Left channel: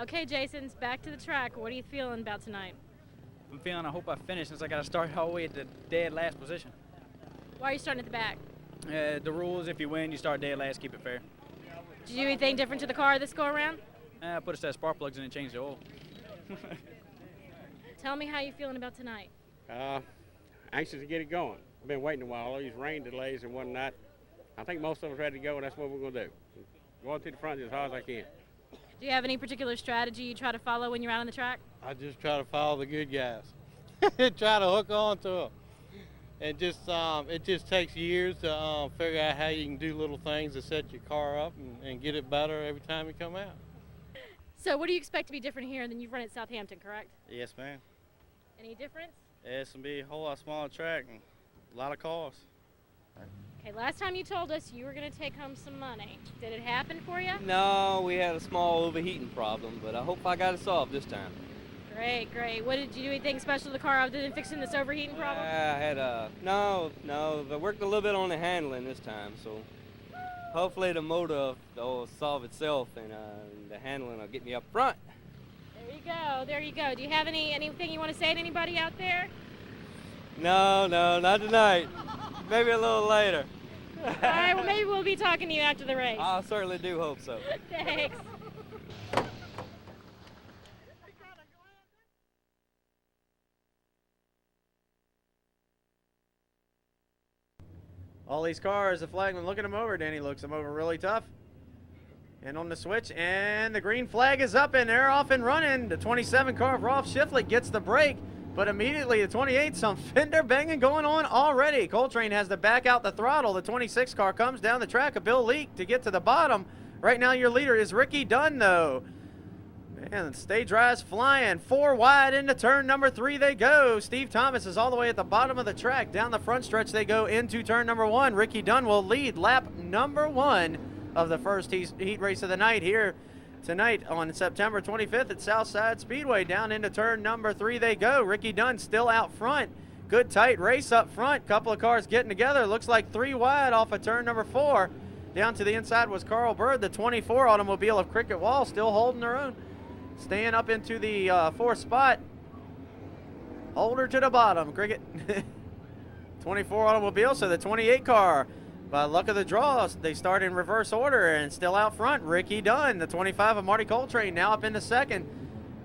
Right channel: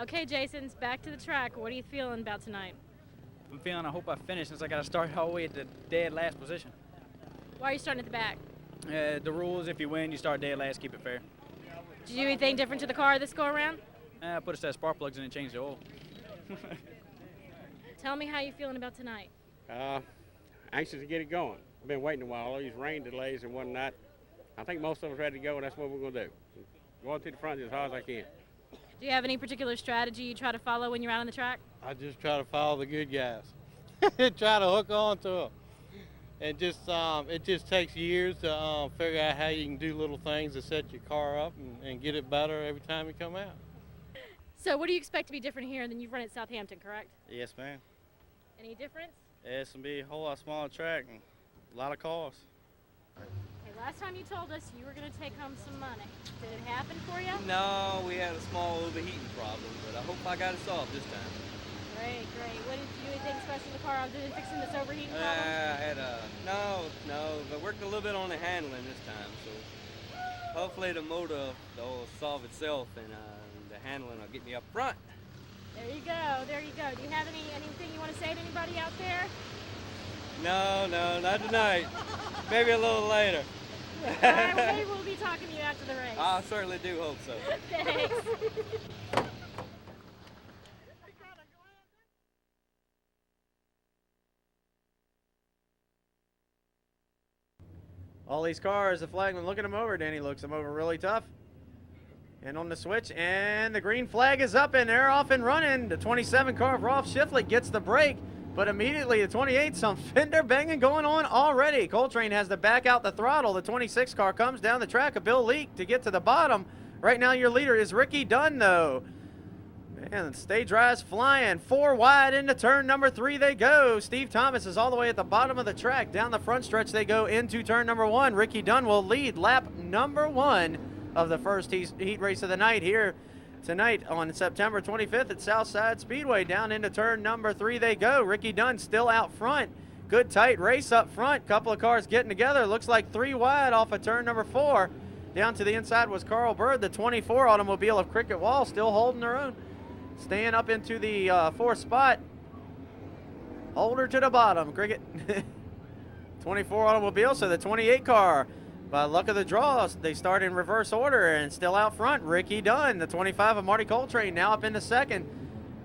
Okay, Jason's back to the track. What are you feeling about tonight? I hope I finish since I got to start all the way at the dead last position. Why are you starting at the back? The rules, if you win, you start dead last, keep it fair. Did you do anything different to the car this go-around? I put a set of spark plugs in and changed the oil. Tell me how you're feeling about tonight. Anxious to get it going. I've been waiting a while. All these rain delays and whatnot. I think most of us ready to go, and that's what we're going to do. Going to the front as hard as I can. Do you have any particular strategy you try to follow when you're out on the track? I just try to follow the good guys. Try to hook on to them. And just it just takes years to figure out how you can do little things to set your car up and get it better every time you come out. So what do you expect to be different here than you've run at Southampton, correct? Yes, ma'am. Any difference? It's going to be a whole lot smaller track and a lot of cars. Okay, last time you told us you were going to take home some money. Did it happen for you? No, we had a small overheating problem, but I hope I got it solved this time. Great, great. What did you do anything special to the car other than fixing this overheating problem? I had no, I worked a little bit on the handling this time, so hopefully the motor will solve itself and the handling will get me up front. There you go, there you go. Do you have anything you want to say to anybody out there? No, not tonight. Maybe a little later. All right, well, maybe we'll be talking to you after the race. I certainly do hope so. Thanks. All these cars, the flagman looking them over. Danny looks them over really tough. And on the switch, and the green flag is up, and they're off and running. The 27 car of Rolf Schifflet gets the break, but immediately the 28, some fender banging going on already. Coltrane has to back out the throttle. The 26 car comes down the track of Bill Leake to get to the bottom. Right now your leader is Ricky Dunn, though. And stage rise flying. 4 wide into turn number 3 they go. Steve Thomas is all the way at the bottom of the track. Down the front stretch they go into turn number 1. Ricky Dunn will lead lap number 1 of the first heat race of the night here tonight on September 25th at Southside Speedway. Down into turn number 3 they go. Ricky Dunn still out front. Good tight race up front. Couple of cars getting together. Looks like 3 wide off of turn number 4. Down to the inside was Carl Bird. The 24 automobile of Cricket Wall still holding their own. Staying up into the 4th spot. Hold her to the bottom, Cricket. 24 automobile, so the 28 car. By luck of the draw, they start in reverse order and still out front. Ricky Dunn, the 25 of Marty Coltrane, now up in the 2nd.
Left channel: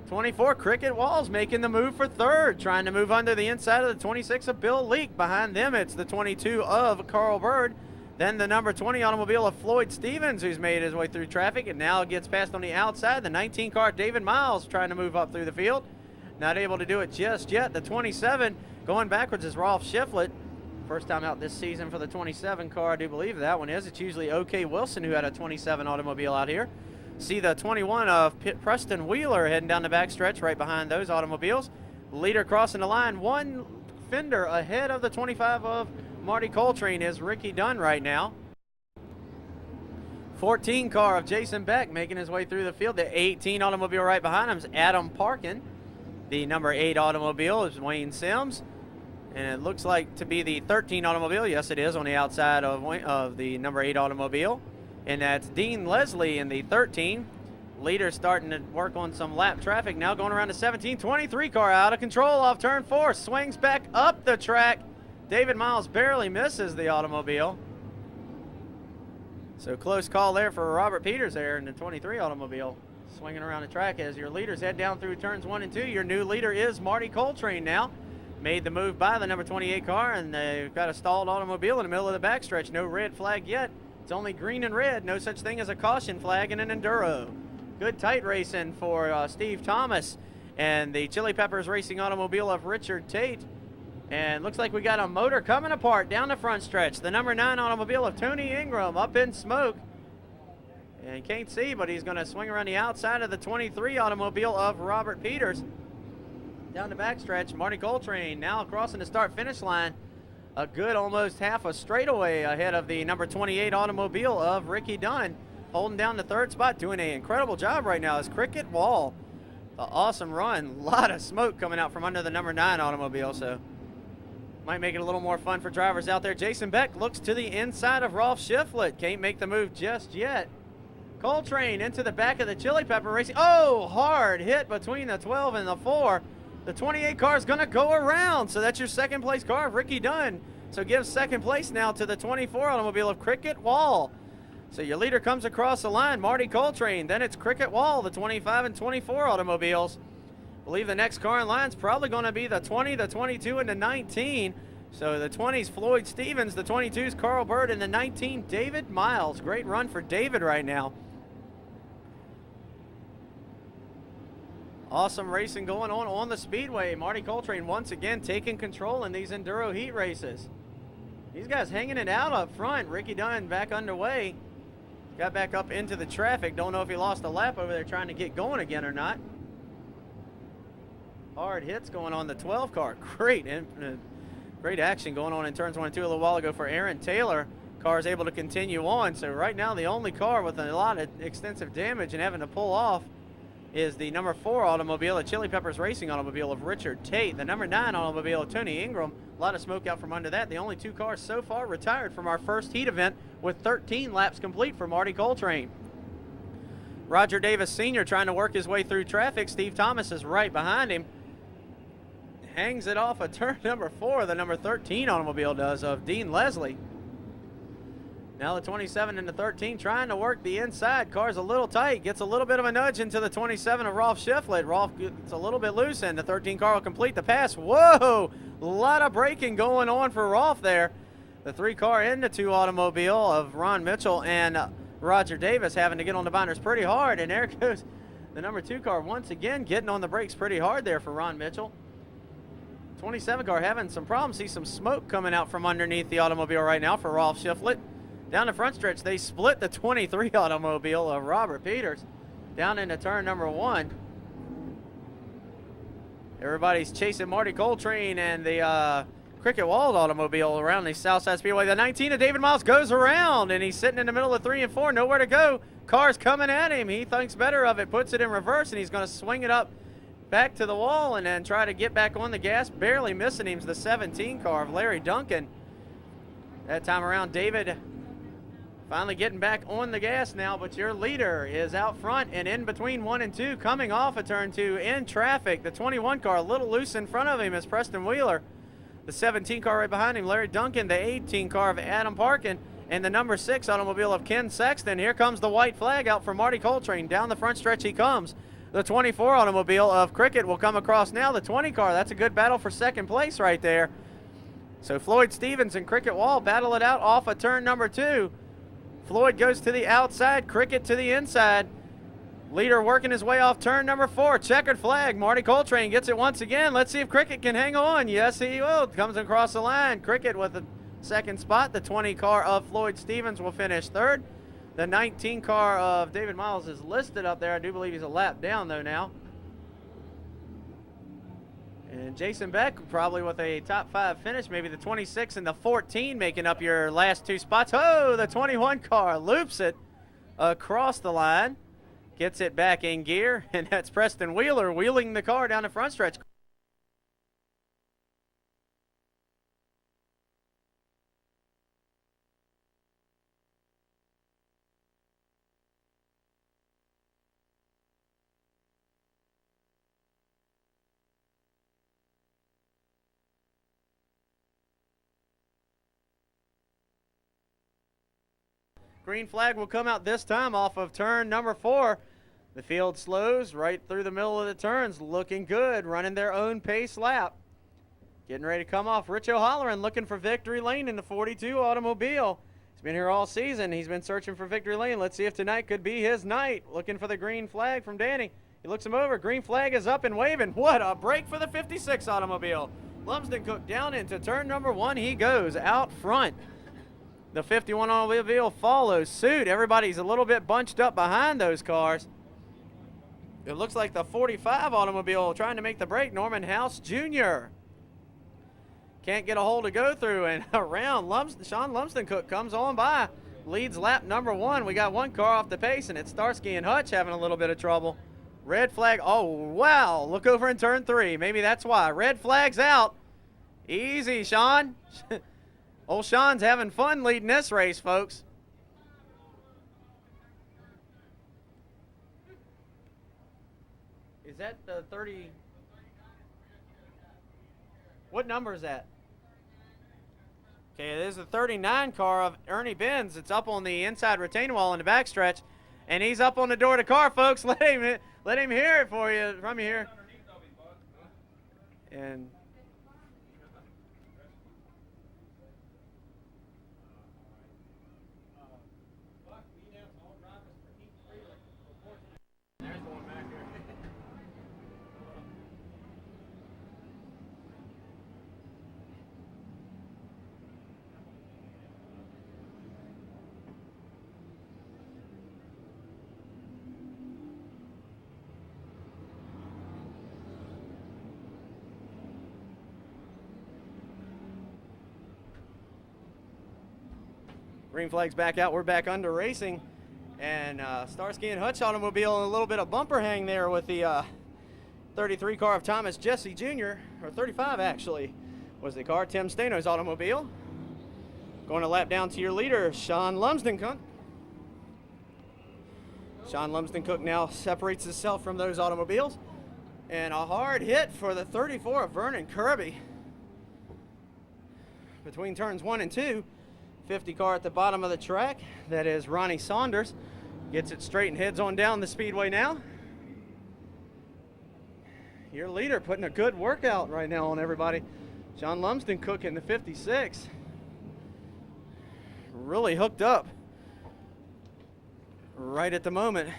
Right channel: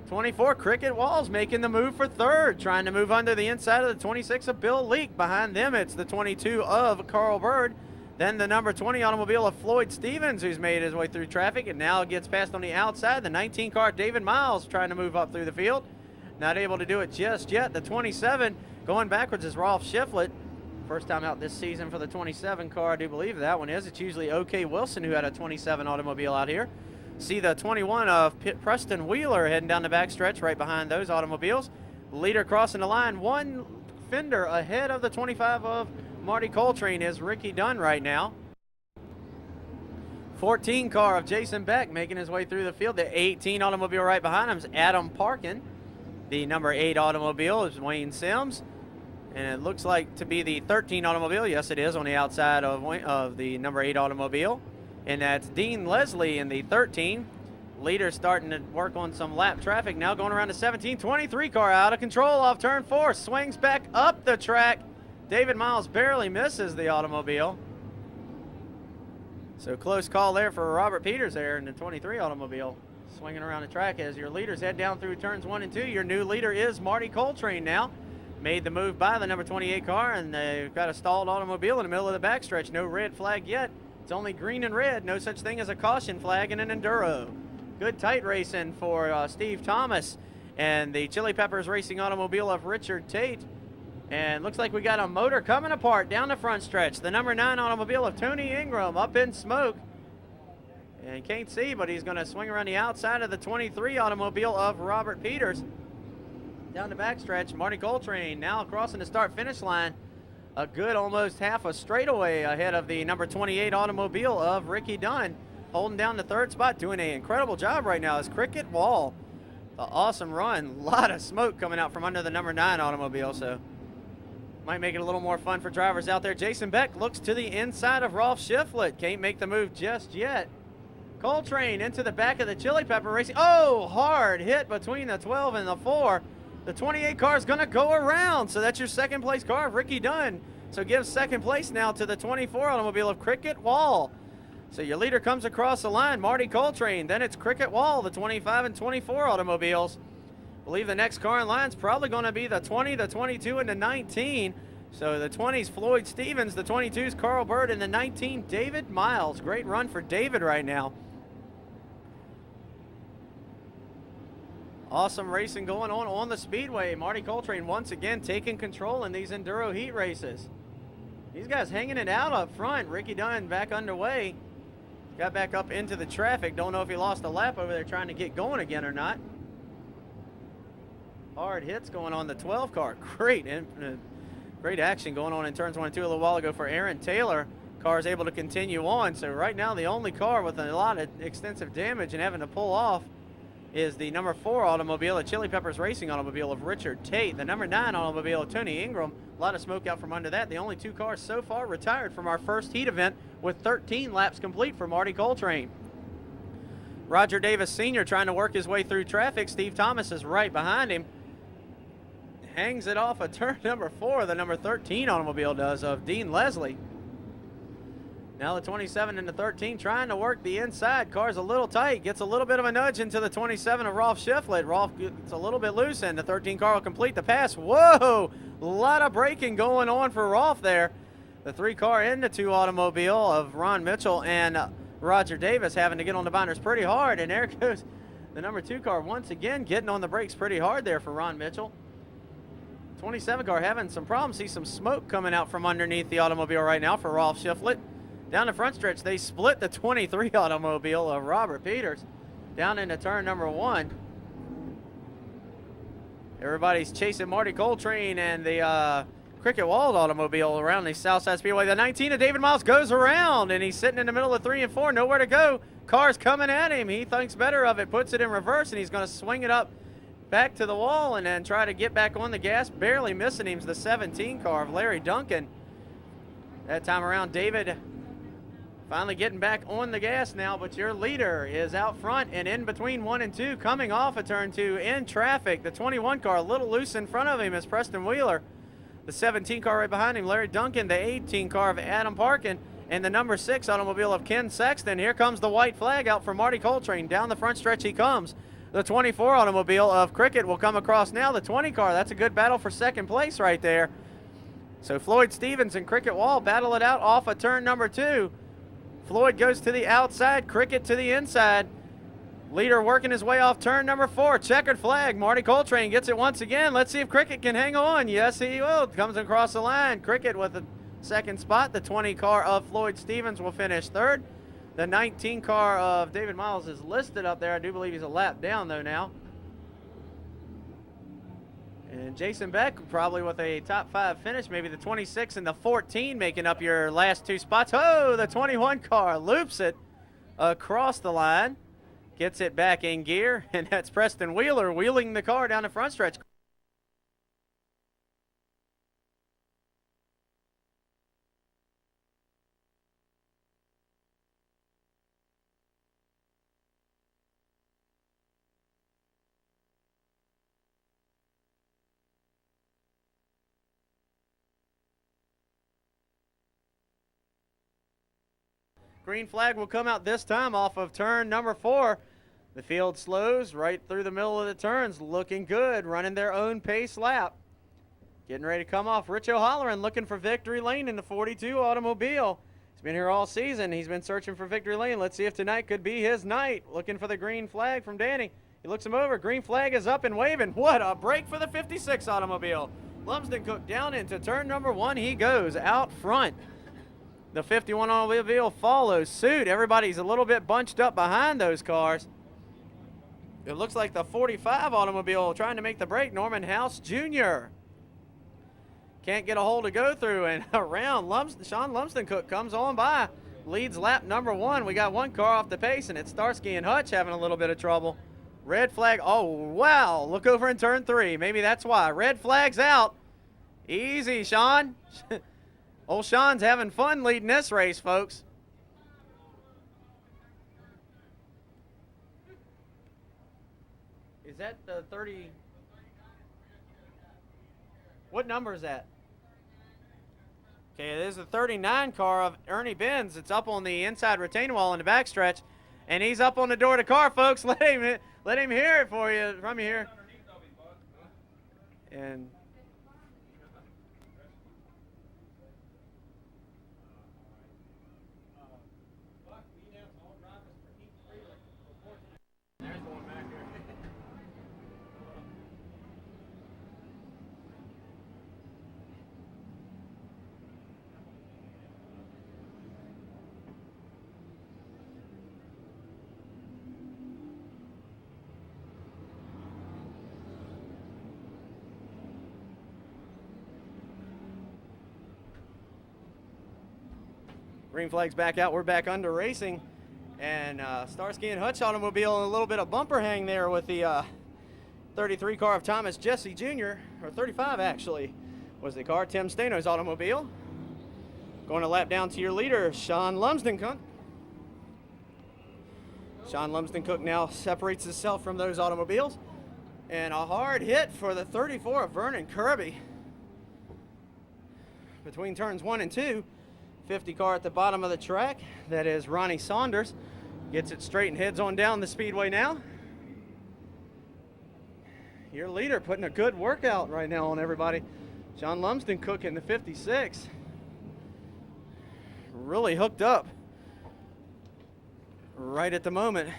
24, Cricket Walls making the move for 3rd, trying to move under the inside of the 26 of Bill Leake. Behind them, it's the 22 of Carl Bird. Then the number 20 automobile of Floyd Stevens, who's made his way through traffic and now gets past on the outside. The 19 car David Miles trying to move up through the field. Not able to do it just yet. The 27 going backwards is Rolf Schifflet. First time out this season for the 27 car, I do believe that one is. It's usually OK Wilson who had a 27 automobile out here. See the 21 of Preston Wheeler heading down the backstretch right behind those automobiles. Leader crossing the line, 1 fender ahead of the 25 of Marty Coltrane is Ricky Dunn right now. 14 car of Jason Beck making his way through the field. The 18 automobile right behind him is Adam Parkin. The number 8 automobile is Wayne Sims. And it looks like to be the 13 automobile. Yes, it is on the outside of the number 8 automobile. And that's Dean Leslie in the 13. Leader starting to work on some lap traffic. Now going around the 17. 23 car out of control off turn 4. Swings back up the track. David Miles barely misses the automobile. So close call there for Robert Peters there in the 23 automobile. Swinging around the track as your leaders head down through turns 1 and 2. Your new leader is Marty Coltrane now. Made the move by the number 28 car, and they've got a stalled automobile in the middle of the backstretch. No red flag yet. It's only green and red. No such thing as a caution flag in an Enduro. Good tight racing for Steve Thomas and the Chili Peppers Racing automobile of Richard Tate. And looks like we got a motor coming apart down the front stretch. The number 9 automobile of Tony Ingram up in smoke. And can't see, but he's going to swing around the outside of the 23 automobile of Robert Peters. Down the backstretch, Marty Coltrane now crossing the start-finish line. A good almost half a straightaway ahead of the number 28 automobile of Ricky Dunn. Holding down the 3rd spot, doing an incredible job right now is Cricket Wall. An awesome run. A lot of smoke coming out from under the number 9 automobile, so might make it a little more fun for drivers out there. Jason Beck looks to the inside of Rolf Schifflet. Can't make the move just yet. Coltrane into the back of the Chili Pepper Racing. Oh, hard hit between the 12 and the 4. The 28 car is going to go around, so that's your second place car of Ricky Dunn. So gives second place now to the 24 automobile of Cricket Wall. So your leader comes across the line, Marty Coltrane. Then it's Cricket Wall, the 25 and 24 automobiles. I believe the next car in line is probably going to be the 20, the 22, and the 19. So the 20's Floyd Stevens, the 22's Carl Bird, and the 19 David Miles. Great run for David right now. Awesome racing going on the speedway. Marty Coltrane once again taking control in these Enduro heat races. These guys hanging it out up front. Ricky Dunn back underway. Got back up into the traffic. Don't know if he lost a lap over there trying to get going again or not. Hard hits going on the 12 car. Great action going on in turns 1 and 2 a little while ago for Aaron Taylor. Car is able to continue on. So right now the only car with a lot of extensive damage and having to pull off is the number 4 automobile, the Chili Peppers Racing automobile of Richard Tate. The number 9 automobile of Tony Ingram. A lot of smoke out from under that. The only 2 cars so far retired from our first heat event with 13 laps complete for Marty Coltrane. Roger Davis Sr. trying to work his way through traffic. Steve Thomas is right behind him. Hangs it off of turn number 4, the number 13 automobile does, of Dean Leslie. Now the 27 and the 13 trying to work the inside. Car's a little tight. Gets a little bit of a nudge into the 27 of Rolf Shiflett. Rolf gets a little bit loose, and the 13 car will complete the pass. Whoa! A lot of braking going on for Rolf there. The 3 car and the 2 automobile of Ron Mitchell and Roger Davis having to get on the binders pretty hard. And there goes the number 2 car once again getting on the brakes pretty hard there for Ron Mitchell. 27 car having some problems. See some smoke coming out from underneath the automobile right now for Rolf Shiflett. Down the front stretch, they split the 23 automobile of Robert Peters down into turn number 1. Everybody's chasing Marty Coltrane and the Cricket Wall automobile around the Southside Speedway. The 19 of David Miles goes around, and he's sitting in the middle of 3 and 4, nowhere to go. Car's coming at him. He thinks better of it, puts it in reverse, and he's going to swing it up back to the wall and then try to get back on the gas. Barely missing him's the 17 car of Larry Duncan. That time around, David finally getting back on the gas now, but your leader is out front and in between 1 and 2, coming off of turn 2 in traffic. The 21 car a little loose in front of him is Preston Wheeler. The 17 car right behind him, Larry Duncan. The 18 car of Adam Parkin, and the number 6 automobile of Ken Sexton. Here comes the white flag out for Marty Coltrane. Down the front stretch he comes. The 24 automobile of Cricket will come across now. The 20 car, that's a good battle for second place right there. So Floyd Stevens and Cricket Wall battle it out off of turn number 2. Floyd goes to the outside, Cricket to the inside. Leader working his way off turn number 4. Checkered flag. Marty Coltrane gets it once again. Let's see if Cricket can hang on. Yes, he will. Comes across the line. Cricket with the second spot. The 20 car of Floyd Stevens will finish 3rd. The 19 car of David Miles is listed up there. I do believe he's a lap down, though, now. And Jason Beck probably with a top 5 finish, maybe the 26 and the 14 making up your last 2 spots. Oh, the 21 car loops it across the line, gets it back in gear, and that's Preston Wheeler wheeling the car down the front stretch. Green flag will come out this time off of turn number 4. The field slows right through the middle of the turns, looking good, running their own pace lap. Getting ready to come off. Rich O'Halloran looking for victory lane in the 42 automobile. He's been here all season. He's been searching for victory lane. Let's see if tonight could be his night. Looking for the green flag from Danny. He looks him over. Green flag is up and waving. What a break for the 56 automobile. Lumsden Cook down into turn number 1. He goes out front. The 51 automobile follows suit. Everybody's a little bit bunched up behind those cars. It looks like the 45 automobile trying to make the break. Norman House Jr. can't get a hole to go through, and around Sean Lumsden Cook comes on by. Leads lap number 1. We got 1 car off the pace, and it's Starsky and Hutch having a little bit of trouble. Red flag. Oh, wow. Look over in turn 3. Maybe that's why. Red flag's out. Easy, Sean. Old Sean's having fun leading this race, folks. Is that the 30? What number is that? Okay, there's the 39 car of Ernie Benz. It's up on the inside retaining wall in the backstretch, and he's up on the door of the car, folks. Let him hear it for you from here. And there's one back here. Green flag's back out. We're back under racing. And Starsky and Hutch automobile and a little bit of bumper hang there with the 33 car of Thomas Jesse Jr., or 35 actually, was the car. Tim Stano's automobile. Going a lap down to your leader, Sean Lumsden-Cook. Sean Lumsden-Cook now separates himself from those automobiles. And a hard hit for the 34 of Vernon Kirby. Between turns 1 and 2. 50 car at the bottom of the track. That is Ronnie Saunders. Gets it straight and heads on down the speedway now. Your leader putting a good workout right now on everybody. John Lumsden-Cook in the 56. Really hooked up right at the moment.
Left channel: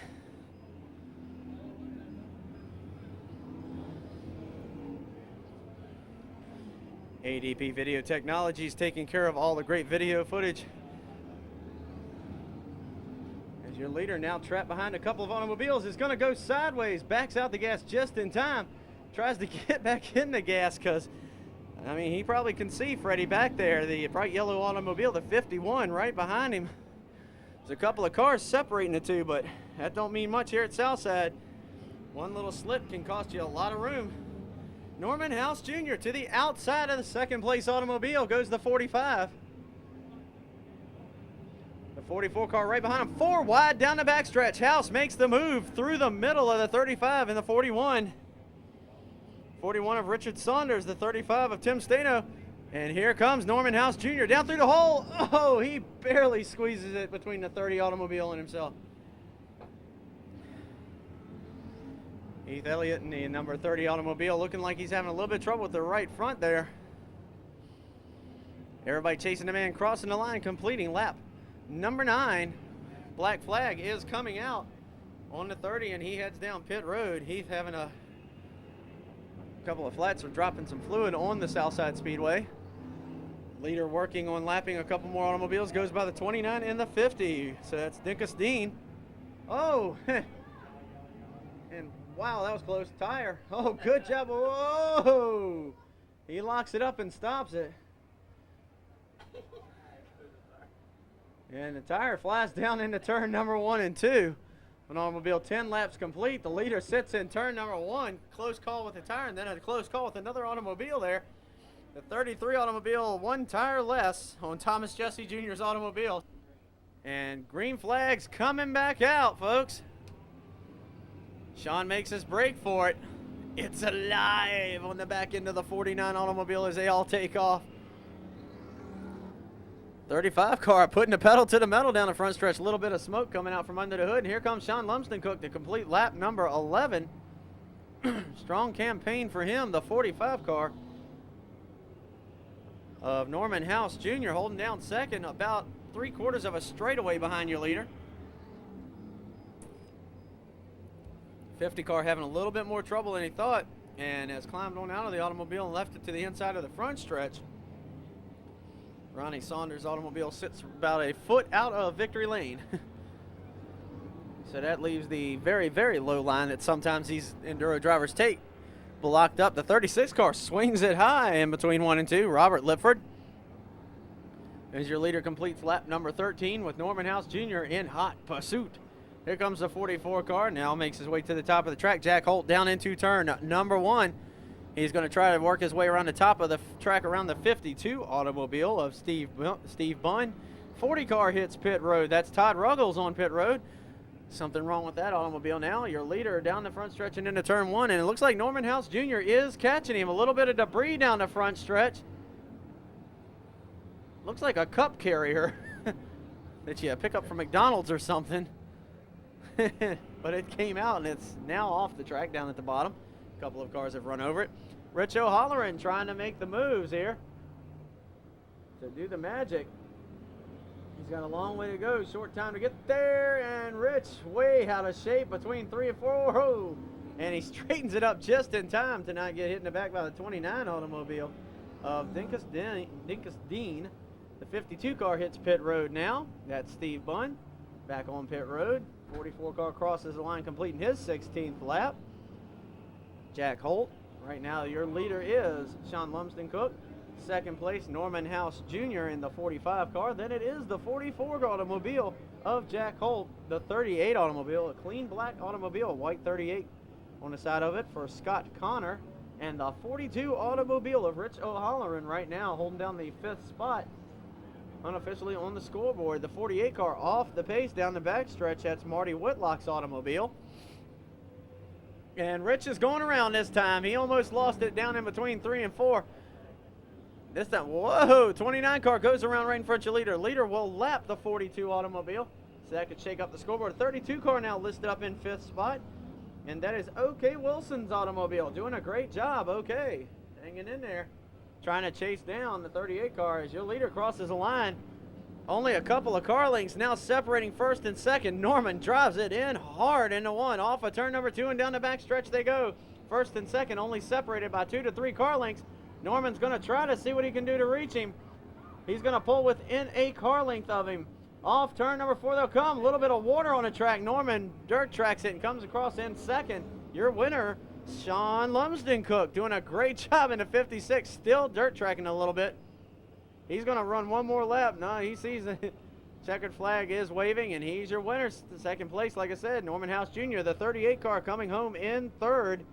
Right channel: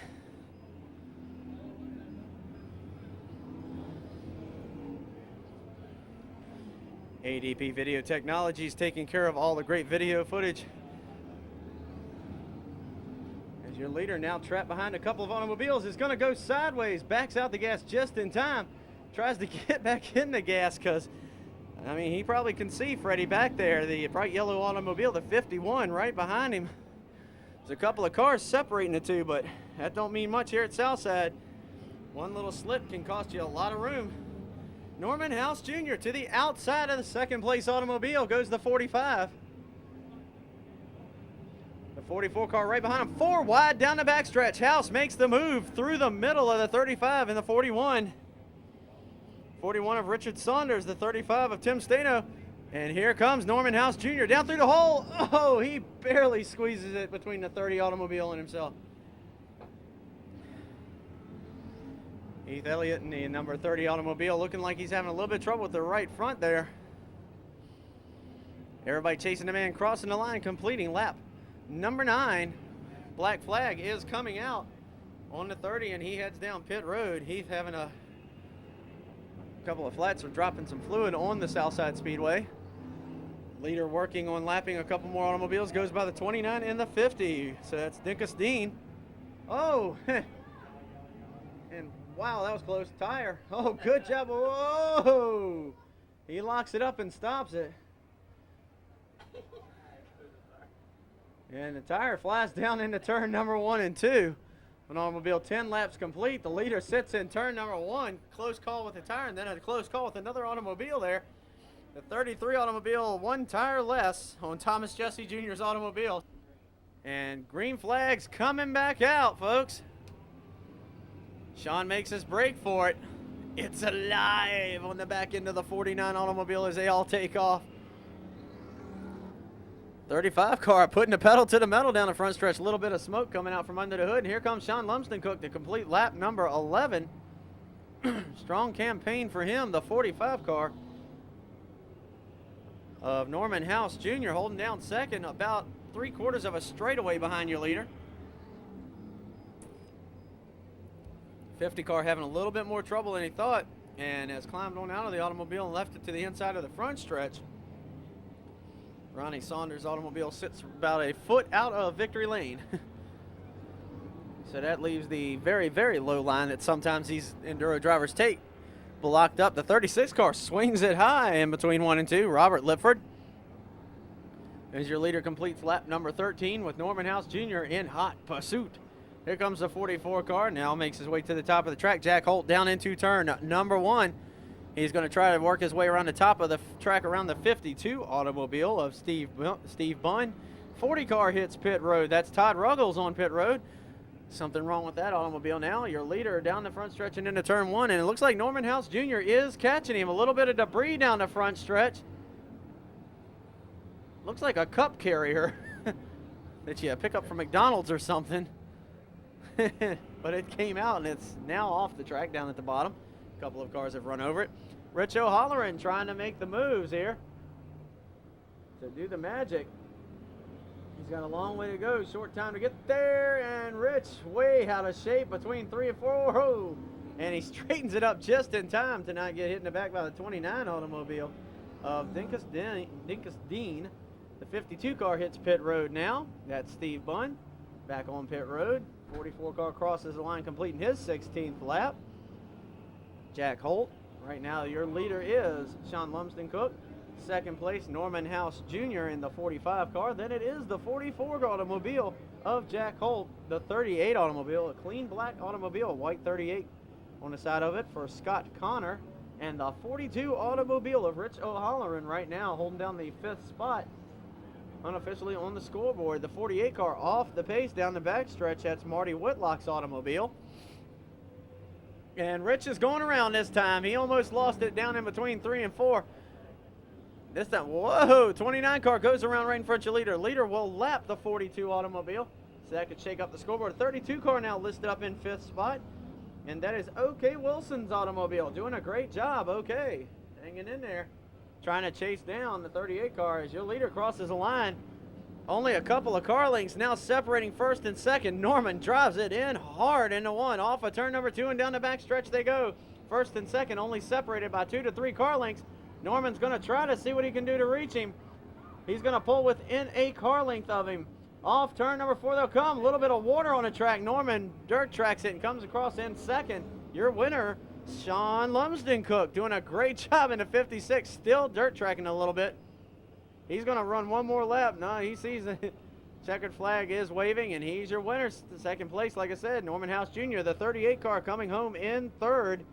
ADP Video Technologies taking care of all the great video footage. As your leader now trapped behind a couple of automobiles is going to go sideways, backs out the gas just in time, tries to get back in the gas because, I mean, he probably can see Freddie back there, the bright yellow automobile, the 51 right behind him. There's a couple of cars separating the two, but that don't mean much here at Southside. One little slip can cost you a lot of room. Norman House Jr. to the outside of the second place automobile goes the 45. The 44 car right behind him, 4 wide down the backstretch. House makes the move through the middle of the 35 and the 41. 41 of Richard Saunders, the 35 of Tim Stano. And here comes Norman House Jr. down through the hole. Oh, he barely squeezes it between the 30 automobile and himself. Heath Elliott in the number 30 automobile looking like he's having a little bit of trouble with the right front there. Everybody chasing the man crossing the line, completing lap number 9. Black flag is coming out on the 30 and he heads down pit road. Heath having a couple of flats or dropping some fluid on the Southside Speedway. Leader working on lapping a couple more automobiles, goes by the 29 and the 50. So that's Dinkus Dean. Oh, and wow, that was close. Tire. Oh, good job. Whoa! He locks it up and stops it. And the tire flies down into turn number 1 and 2. An automobile 10 laps complete. The leader sits in turn number 1. Close call with the tire, and then a close call with another automobile there. The 33 automobile, 1 tire less on Thomas Jesse Jr.'s automobile. And green flag's coming back out, folks. Sean makes his break for it. It's alive on the back end of the 49 automobile as they all take off. 35 car putting the pedal to the metal down the front stretch. A little bit of smoke coming out from under the hood. And here comes Sean Lumsden-Cook to complete lap number 11. Strong campaign for him, the 45 car of Norman House Jr. holding down second, about 3/4 of a straightaway behind your leader. 50 car having a little bit more trouble than he thought and has climbed on out of the automobile and left it to the inside of the front stretch. Ronnie Saunders' automobile sits about a foot out of victory lane. So that leaves the very, very low line that sometimes these Enduro drivers take blocked up. The 36 car swings it high in between 1 and 2. Robert Lipford as your leader completes lap number 13 with Norman House Jr. in hot pursuit. Here comes the 44 car, now makes his way to the top of the track. Jack Holt down into turn number 1. He's going to try to work his way around the top of the track around the 52 automobile of Steve Bunn. 40 car hits pit road. That's Todd Ruggles on pit road. Something wrong with that automobile now. Your leader down the front stretch and into turn 1, and it looks like Norman House Jr. is catching him. A little bit of debris down the front stretch. Looks like a cup carrier that you pick up from McDonald's or something. But it came out, and it's now off the track down at the bottom. A couple of cars have run over it. Rich O'Halloran trying to make the moves here to do the magic. He's got a long way to go, short time to get there, and Rich way out of shape between 3 and 4. Oh, and he straightens it up just in time to not get hit in the back by the 29 automobile of Dinkus Dean. The 52 car hits pit road now. That's Steve Bunn back on pit road. 44 car crosses the line, completing his 16th lap. Jack Holt, right now your leader is Sean Lumsden Cook. Second place, Norman House Jr. in the 45 car. Then it is the 44 automobile of Jack Holt. The 38 automobile, a clean black automobile, white 38 on the side of it for Scott Connor. And the 42 automobile of Rich O'Halloran right now holding down the 5th spot unofficially on the scoreboard. The 48 car off the pace down the backstretch. That's Marty Whitlock's automobile. And Rich is going around this time. He almost lost it down in between 3 and 4. This time, whoa, 29 car goes around right in front of your leader. Leader will lap the 42 automobile. So that could shake up the scoreboard. 32 car now listed up in 5th spot. And that is OK Wilson's automobile. Doing a great job, OK. Hanging in there. Trying to chase down the 38 car as your leader crosses the line. Only a couple of car lengths now separating first and second. Norman drives it in hard into 1. Off of turn number 2 and down the back stretch they go. First and second only separated by 2 to 3 car lengths. Norman's going to try to see what he can do to reach him. He's going to pull within a car length of him. Off turn number 4 they'll come. A little bit of water on the track. Norman dirt tracks it and comes across in second. Your winner, Sean Lumsden Cook, doing a great job in the 56. Still dirt tracking a little bit. He's going to run one more lap. No, he sees the checkered flag is waving, and he's your winner. Second place, like I said, Norman House Jr., the 38 car coming home in third.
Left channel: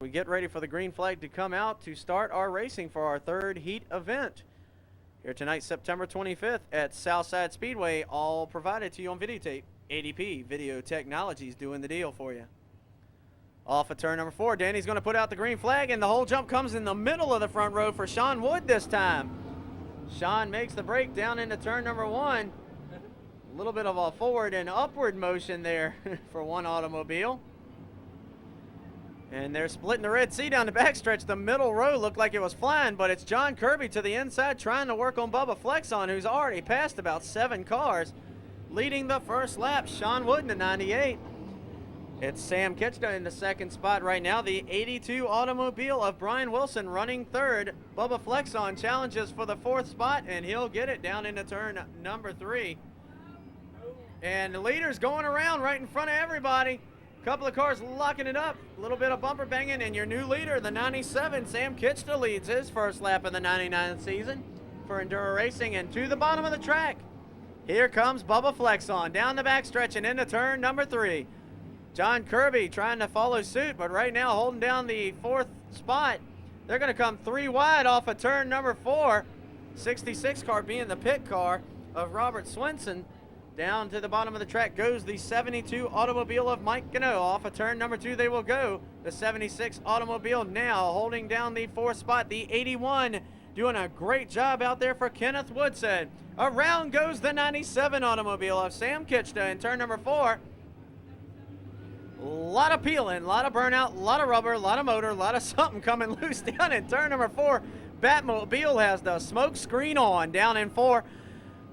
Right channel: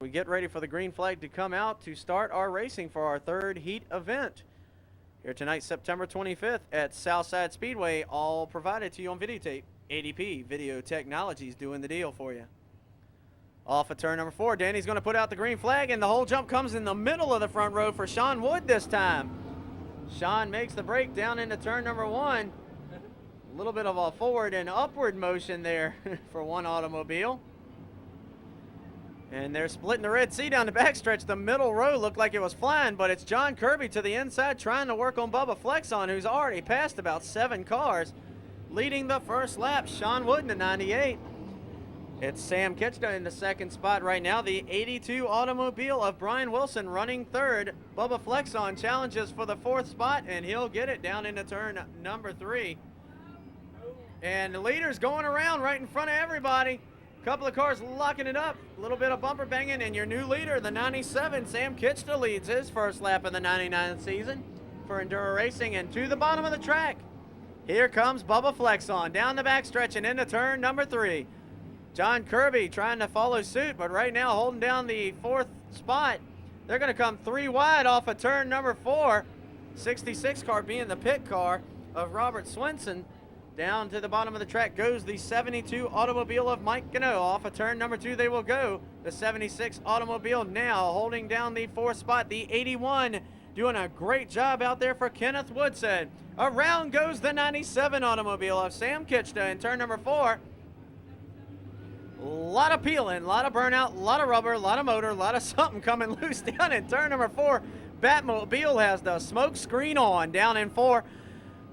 We get ready for the green flag to come out to start our racing for our third heat event. Here tonight, September 25th at Southside Speedway, all provided to you on videotape. ADP Video Technologies doing the deal for you. Off of turn number 4, Danny's going to put out the green flag, and the whole jump comes in the middle of the front row for Sean Wood this time. Sean makes the break down into turn number 1. A little bit of a forward and upward motion there for one automobile. And they're splitting the Red Sea down the backstretch. The middle row looked like it was flying, but it's John Kirby to the inside trying to work on Bubba Flexon, who's already passed about 7 cars. Leading the first lap, Sean Wood in the 98. It's Sam Kitchner in the second spot right now. The 82 automobile of Brian Wilson running third. Bubba Flexon challenges for the 4th spot, and he'll get it down into turn number 3. And the leader's going around right in front of everybody. Couple of cars locking it up, a little bit of bumper banging, and your new leader, the 97, Sam Kitchner, leads his first lap of the 99 season for Enduro Racing. And to the bottom of the track, here comes Bubba Flexon down the backstretch and into turn number 3. John Kirby trying to follow suit, but right now holding down the 4th spot. They're going to come 3 wide off of turn number 4. 66 car being the pit car of Robert Swenson. Down to the bottom of the track goes the 72 automobile of Mike Gano. Off of turn number 2 they will go. The 76 automobile now holding down the 4th spot. The 81 doing a great job out there for Kenneth Woodson. Around goes the 97 automobile of Sam Kitchner in turn number 4. A lot of peeling, a lot of burnout, a lot of rubber, a lot of motor, a lot of something coming loose down in turn number 4. Batmobile has the smoke screen on down in 4.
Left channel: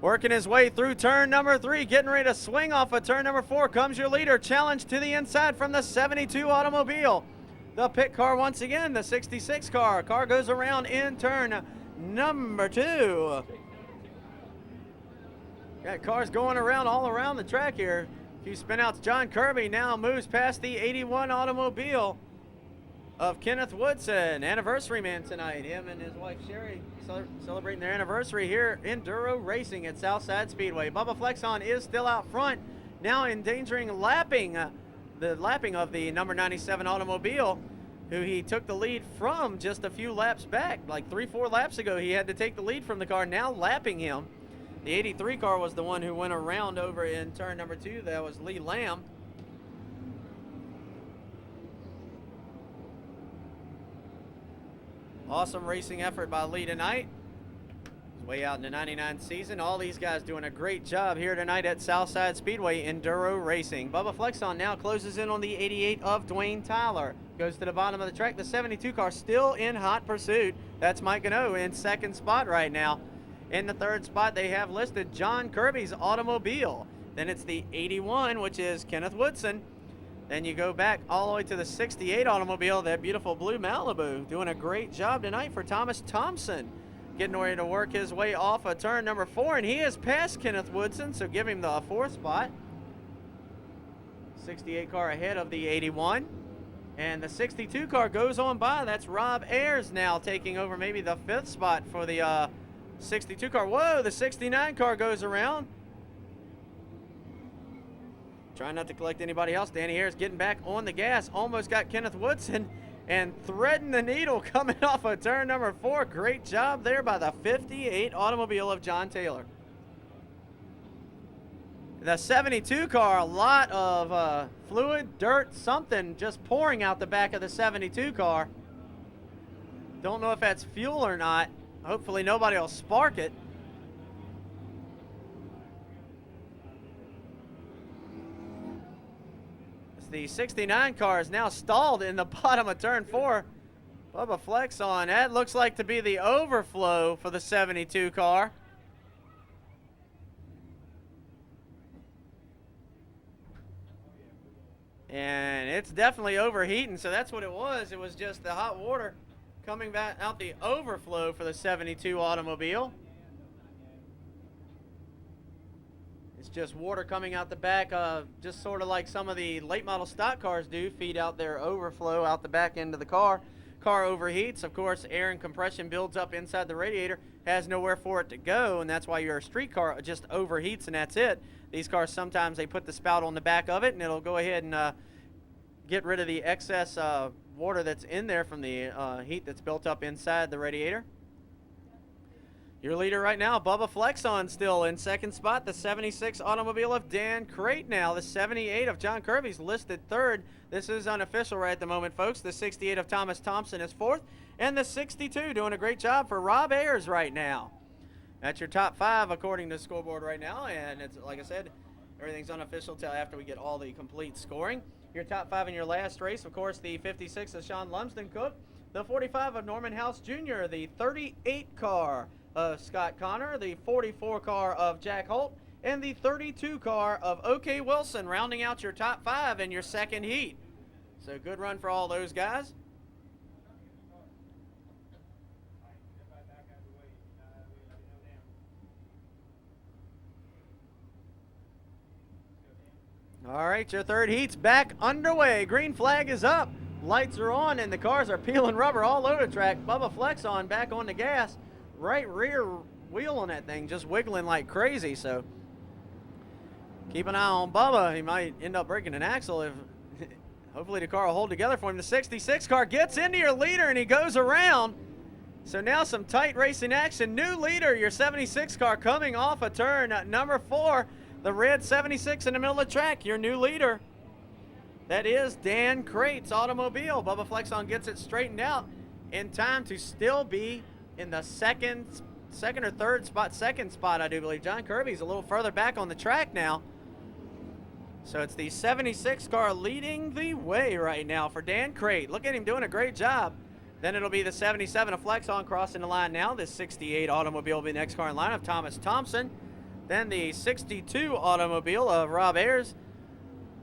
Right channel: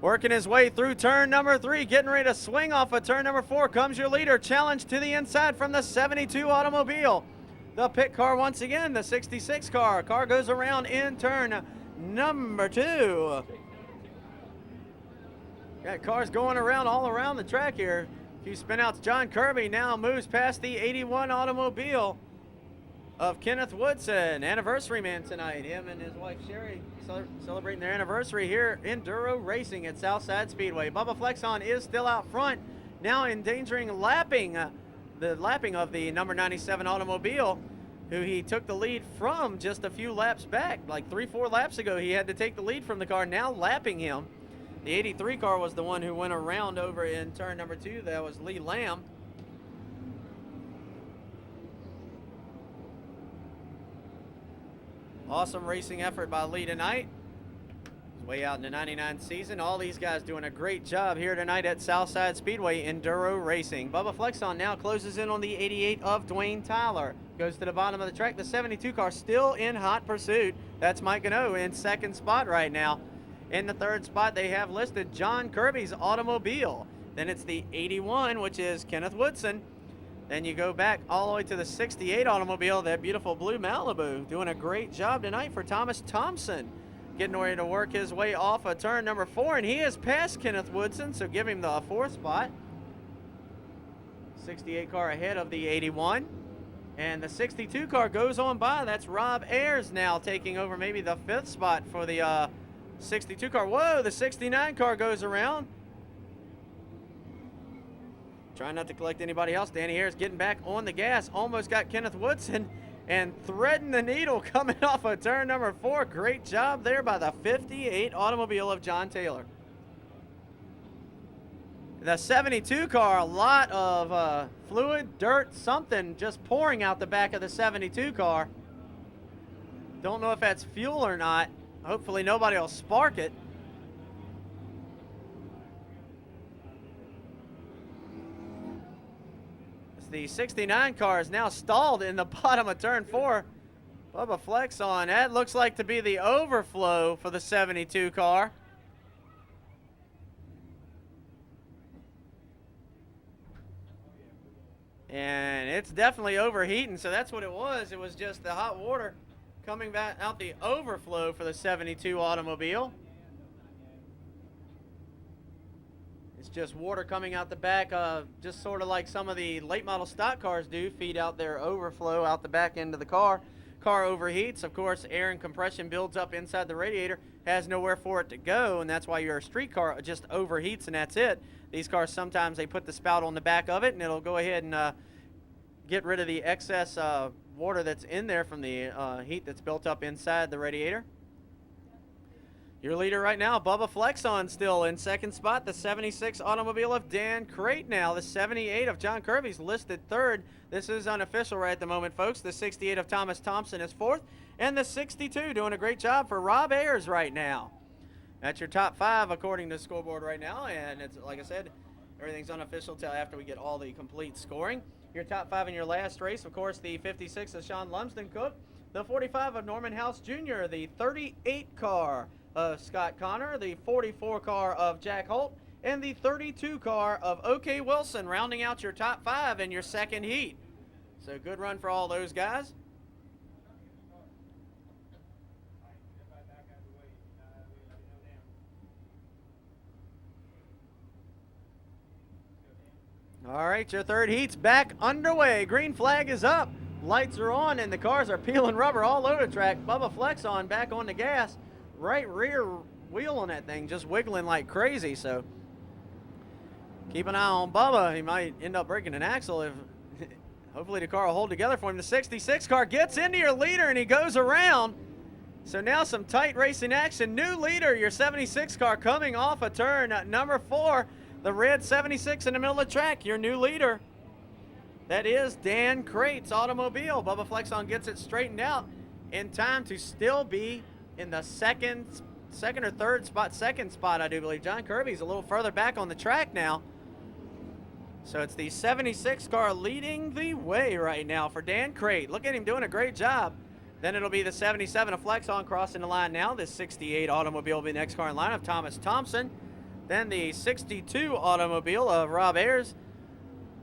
Working his way through turn number 3, getting ready to swing off of turn number 4 comes your leader. Challenge to the inside from the 72 automobile. The pit car once again, the 66 car. Car goes around in turn number 2. Got cars going around all around the track here. A few spin outs. John Kirby now moves past the 81 automobile of Kenneth Woodson, anniversary man tonight. Him and his wife Sherry celebrating their anniversary here. Enduro racing at Southside Speedway. Bubba Flexon is still out front, now endangering the lapping of the number 97 automobile, who he took the lead from just a few laps back. Like 3-4 laps ago, he had to take the lead from the car, now lapping him. The 83 car was the one who went around over in turn number 2. That was Lee Lamb. Awesome racing effort by Lee tonight. He's way out in the 99 season. All these guys doing a great job here tonight at Southside Speedway Enduro Racing. Bubba Flexon now closes in on the 88 of Dwayne Tyler. Goes to the bottom of the track. The 72 car still in hot pursuit. That's Mike Gano in second spot right now. In the third spot, they have listed John Kirby's automobile. Then it's the 81, which is Kenneth Woodson. Then you go back all the way to the 68 automobile, that beautiful blue Malibu. Doing a great job tonight for Thomas Thompson. Getting ready to work his way off of turn number 4, and he has passed Kenneth Woodson, so give him the 4th spot. 68 car ahead of the 81. And the 62 car goes on by. That's Rob Ayers now taking over maybe the 5th spot for the 62 car. Whoa, the 69 car goes around. Trying not to collect anybody else. Danny Ayers getting back on the gas. Almost got Kenneth Woodson and threading the needle coming off of turn number 4. Great job there by the 58 automobile of John Taylor. The 72 car, a lot of fluid, dirt, something just pouring out the back of the 72 car. Don't know if that's fuel or not. Hopefully nobody will spark it. The 69 car is now stalled in the bottom of turn 4. Bubba Flexon, that looks like to be the overflow for the 72 car. And it's definitely overheating, so that's what it was. It was just the hot water coming back out the overflow for the 72 automobile. It's just water coming out the back, just sort of like some of the late model stock cars do, feed out their overflow out the back end of the car. Car overheats, of course, air and compression builds up inside the radiator, has nowhere for it to go, and that's why your street car just overheats and that's it. These cars, sometimes they put the spout on the back of it and it'll go ahead and get rid of the excess water that's in there from the heat that's built up inside the radiator. Your leader right now, Bubba Flexon, still in second spot. The 76 automobile of Dan Crate now. The 78 of John Kirby's listed third. This is unofficial right at the moment, folks. The 68 of Thomas Thompson is fourth. And the 62 doing a great job for Rob Ayers right now. That's your top 5 according to the scoreboard right now. And it's like I said, everything's unofficial till after we get all the complete scoring. Your top 5 in your last race, of course, the 56 of Sean Lumsden Cook. The 45 of Norman House Jr., the 38 car of Scott Connor, the 44 car of Jack Holt, and the 32 car of OK Wilson, rounding out your top 5 in your second heat. So good run for all those guys. All right, your third heat's back underway. Green flag is up. Lights are on and the cars are peeling rubber all over the track. Bubba Flexon back on the gas. Right rear wheel on that thing just wiggling like crazy, so keep an eye on Bubba. He might end up breaking an axle if hopefully the car will hold together for him. The 66 car gets into your leader and he goes around. So now some tight racing action. New leader, your 76 car coming off a turn number 4. The red 76 in the middle of the track, your new leader. That is Dan Crate's automobile. Bubba Flexon gets it straightened out in time to still be in the second or third spot, second spot, I do believe. John Kirby's a little further back on the track now. So it's the 76 car leading the way right now for Dan Crate. Look at him doing a great job. Then it'll be the 77 of Flexon crossing the line now. The 68 automobile will be the next car in line of Thomas Thompson. Then the 62 automobile of Rob Ayers,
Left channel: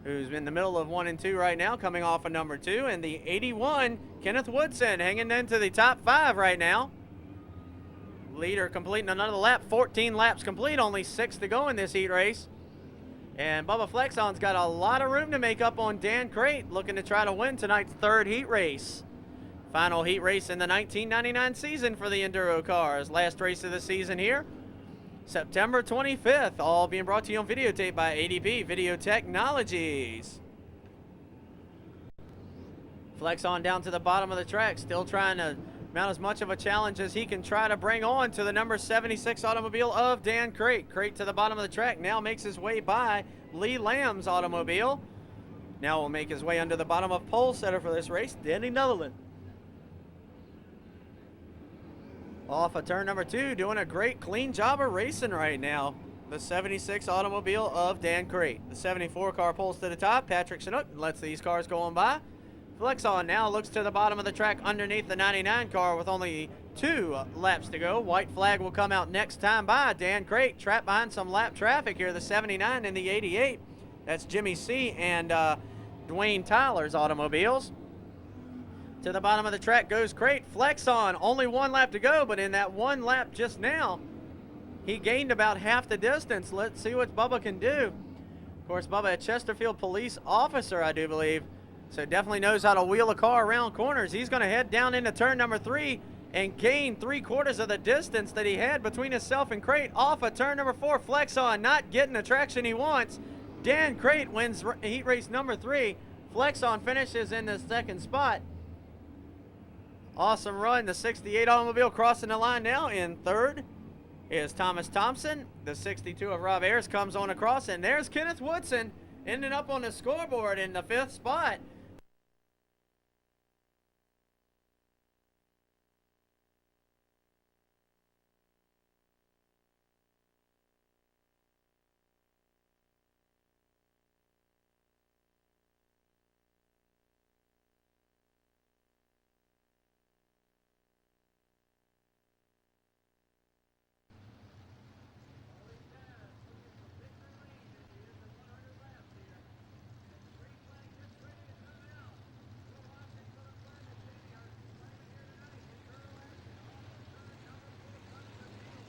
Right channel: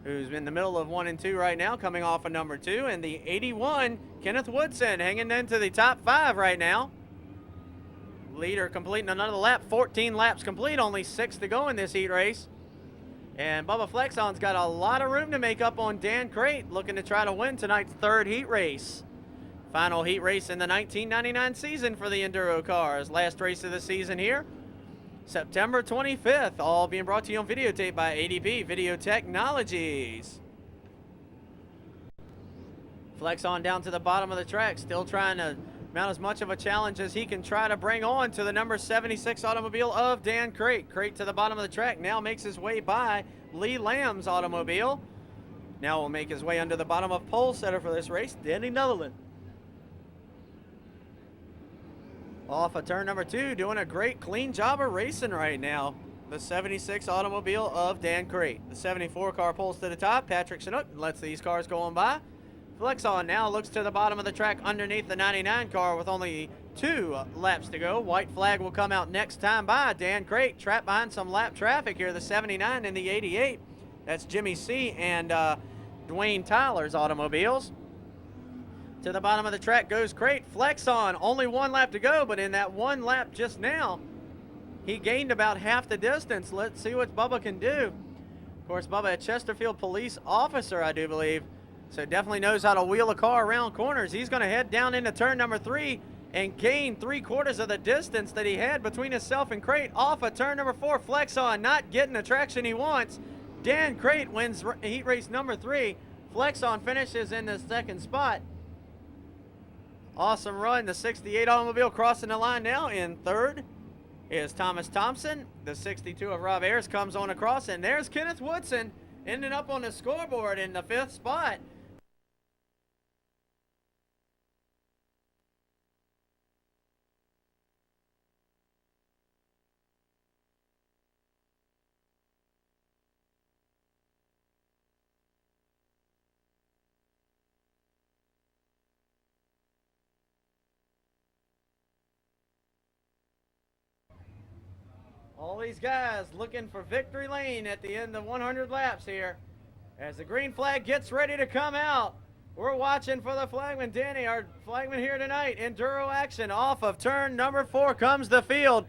who's in the middle of 1 and 2 right now, coming off of number 2. And the 81, Kenneth Woodson, hanging into the top 5 right now. Leader completing another lap, 14 laps complete, only 6 to go in this heat race. And Bubba Flexon's got a lot of room to make up on Dan Crate, looking to try to win tonight's third heat race. Final heat race in the 1999 season for the Enduro cars. Last race of the season here, September 25th. All being brought to you on videotape by ADP Video Technologies. Flex on down to the bottom of the track, still trying to mount as much of a challenge as he can try to bring on to the number 76 automobile of Dan Crate. Crate to the bottom of the track, now makes his way by Lee Lamb's automobile. Now will make his way under the bottom of pole setter for this race, Danny Netherland. Off of turn number 2, doing a great clean job of racing right now. The 76 automobile of Dan Crate. The 74 car pulls to the top, Patrick Chinook lets these cars go on by. Flex on now, looks to the bottom of the track underneath the 99 car with only 2 laps to go. White flag will come out next time by. Dan Crate trapped behind some lap traffic here, the 79 and the 88. That's Jimmy C. and Dwayne Tyler's automobiles. To the bottom of the track goes Crate. Flex on, only 1 lap to go, but in that 1 lap just now, he gained about half the distance. Let's see what Bubba can do. Of course, Bubba, a Chesterfield police officer, I do believe. So definitely knows how to wheel a car around corners. He's going to head down into turn number 3 and gain 3/4 of the distance that he had between himself and Crate. Off of turn number 4, Flex on, not getting the traction he wants. Dan Crate wins heat race number 3. Flex on finishes in the 2nd spot. Awesome run. The 68 automobile crossing the line now. In 3rd is Thomas Thompson. The 62 of Rob Ayers comes on across, and there's Kenneth Woodson ending up on the scoreboard in the 5th spot. All these guys looking for victory lane at the end of 100 laps here. As the green flag gets ready to come out, we're watching for the flagman. Danny, our flagman here tonight. Enduro action. Off of turn number 4 comes the field.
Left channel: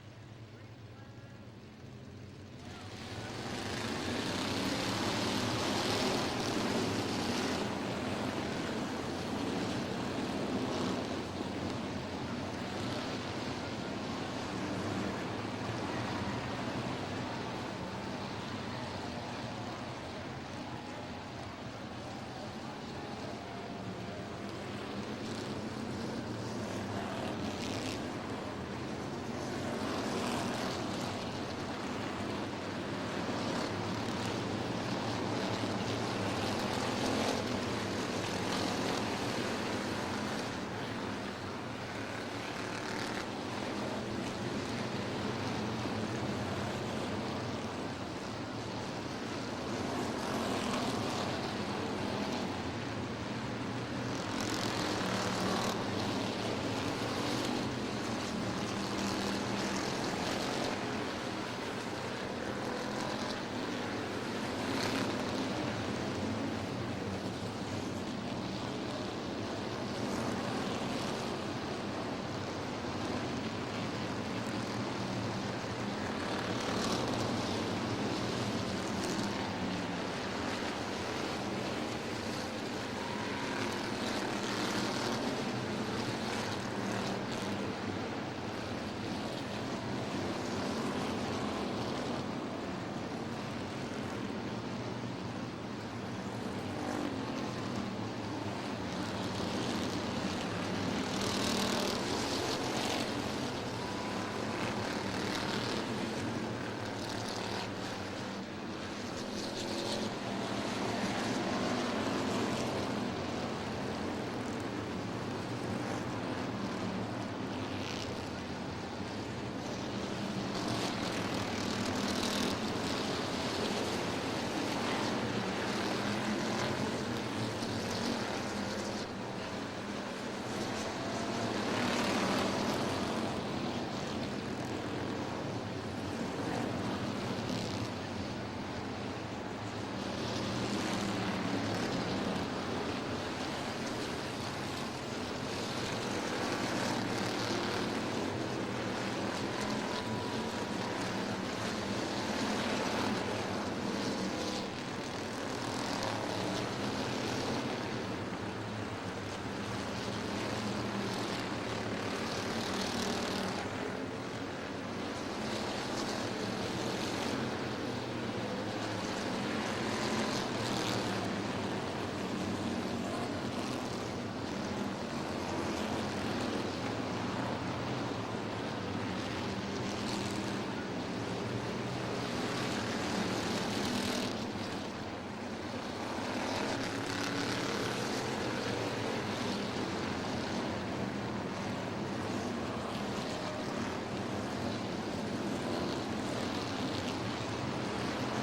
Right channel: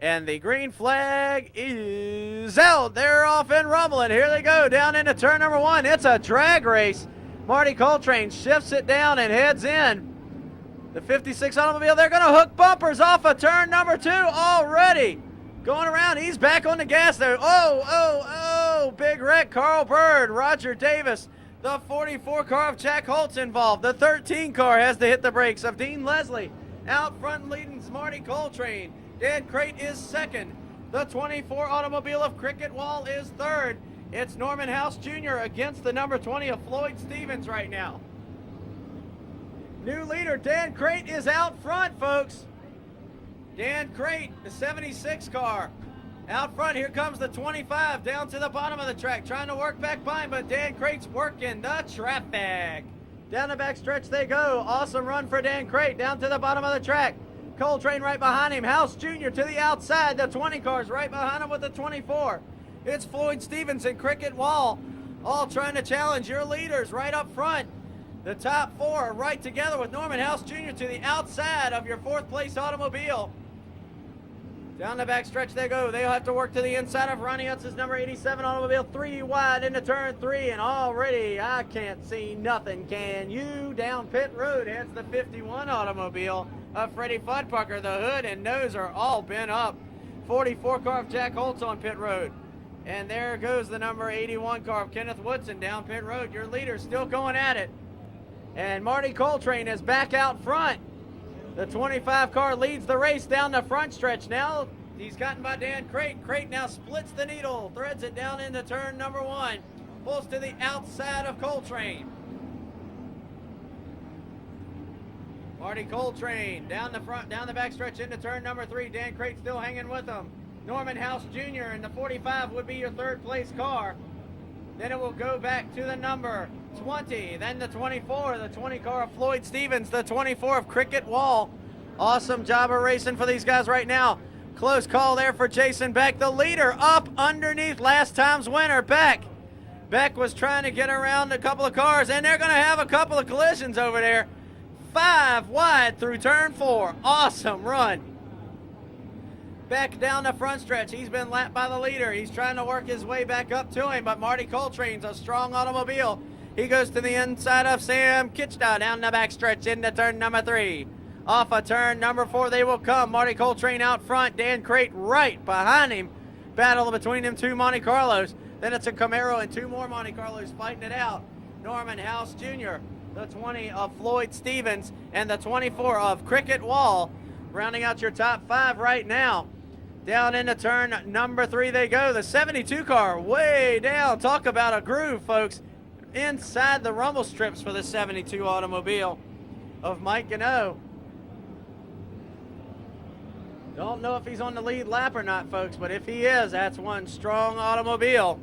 And the green flag is out. They're off and rumbling. Here they go down into turn number 1. It's a drag race. Marty Coltrane shifts it down and heads in. The 56 automobile, they're going to hook bumpers off of turn number 2 already. Going around, he's back on the gas there. Oh, big wreck. Carl Bird, Roger Davis. The 44 car of Jack Holt's involved. The 13 car has to hit the brakes of Dean Leslie. Out front leading Marty Coltrane. Dan Crate is 2nd. The 24 automobile of Cricket Wall is 3rd. It's Norman House Jr. against the number 20 of Floyd Stevens right now. New leader, Dan Crate, is out front, folks. Dan Crate, the 76 car. Out front, here comes the 25 down to the bottom of the track, trying to work back fine, but Dan Crate's working the trap bag. Down the back stretch they go. Awesome run for Dan Crate down to the bottom of the track. Coltrane right behind him. House Jr. to the outside. The 20 car's right behind him with the 24. It's Floyd Stevens and Cricket Wall, all trying to challenge your leaders right up front. The top 4 are right together with Norman House Jr. to the outside of your 4th place automobile. Down the back stretch they go. They'll have to work to the inside of Ronnie Huss's number 87 automobile. 3 wide into turn 3, and already I can't see nothing. Can you? Down pit road, here's the 51 automobile of Freddie Fuddbucker. The hood and nose are all bent up. 44 car of Jack Holt's on pit road. And there goes the number 81 car of Kenneth Woodson down pit road. Your leader's still going at it. And Marty Coltrane is back out front. The 25 car leads the race down the front stretch now. He's got by Dan Crate. Crate now splits the needle, threads it down into turn number 1. Wolf to the outside of Coltrane. Marty Coltrane down the front, down the back stretch into turn number 3. Dan Crate still hanging with him. Norman House Jr. in the 45 would be your 3rd place car. Then it will go back to the number 20, then the 24, the 20 car of Floyd Stevens, the 24 of Cricket Wall. Awesome job of racing for these guys right now. Close call there for Jason Beck, the leader up underneath last time's winner, Beck. Beck was trying to get around a couple of cars, and they're going to have a couple of collisions over there. 5 wide through turn 4. Awesome run. back down the front stretch. He's been lapped by the leader. He's trying to work his way back up to him, but Marty Coltrane's a strong automobile. He goes to the inside of Sam Kitchda down the back stretch into turn number 3. Off of turn number 4 they will come. Marty Coltrane out front. Dan Crate right behind him. Battle between them two Monte Carlos. Then it's a Camaro and two more Monte Carlos fighting it out. Norman House Jr., the 20 of Floyd Stevens, and the 24 of Cricket Wall. Rounding out your top 5 right now. Down into turn number 3 they go. The 72 car way down. Talk about a groove, folks. Inside the rumble strips for the 72 automobile of Mike Gano. Don't know if he's on the lead lap or not, folks, but if he is, that's one strong automobile.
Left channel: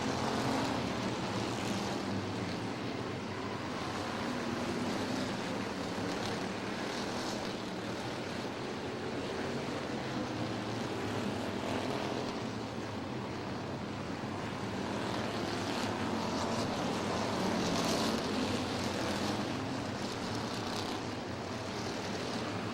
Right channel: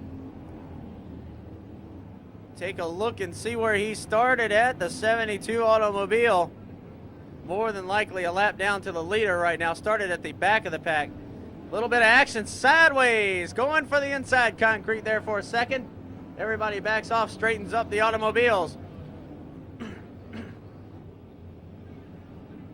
Take a look and see where he started at, the 72 automobile. More than likely a lap down to the leader right now. Started at the back of the pack. A little bit of action sideways. Going for the inside concrete there for a second. Everybody backs off, straightens up the automobiles.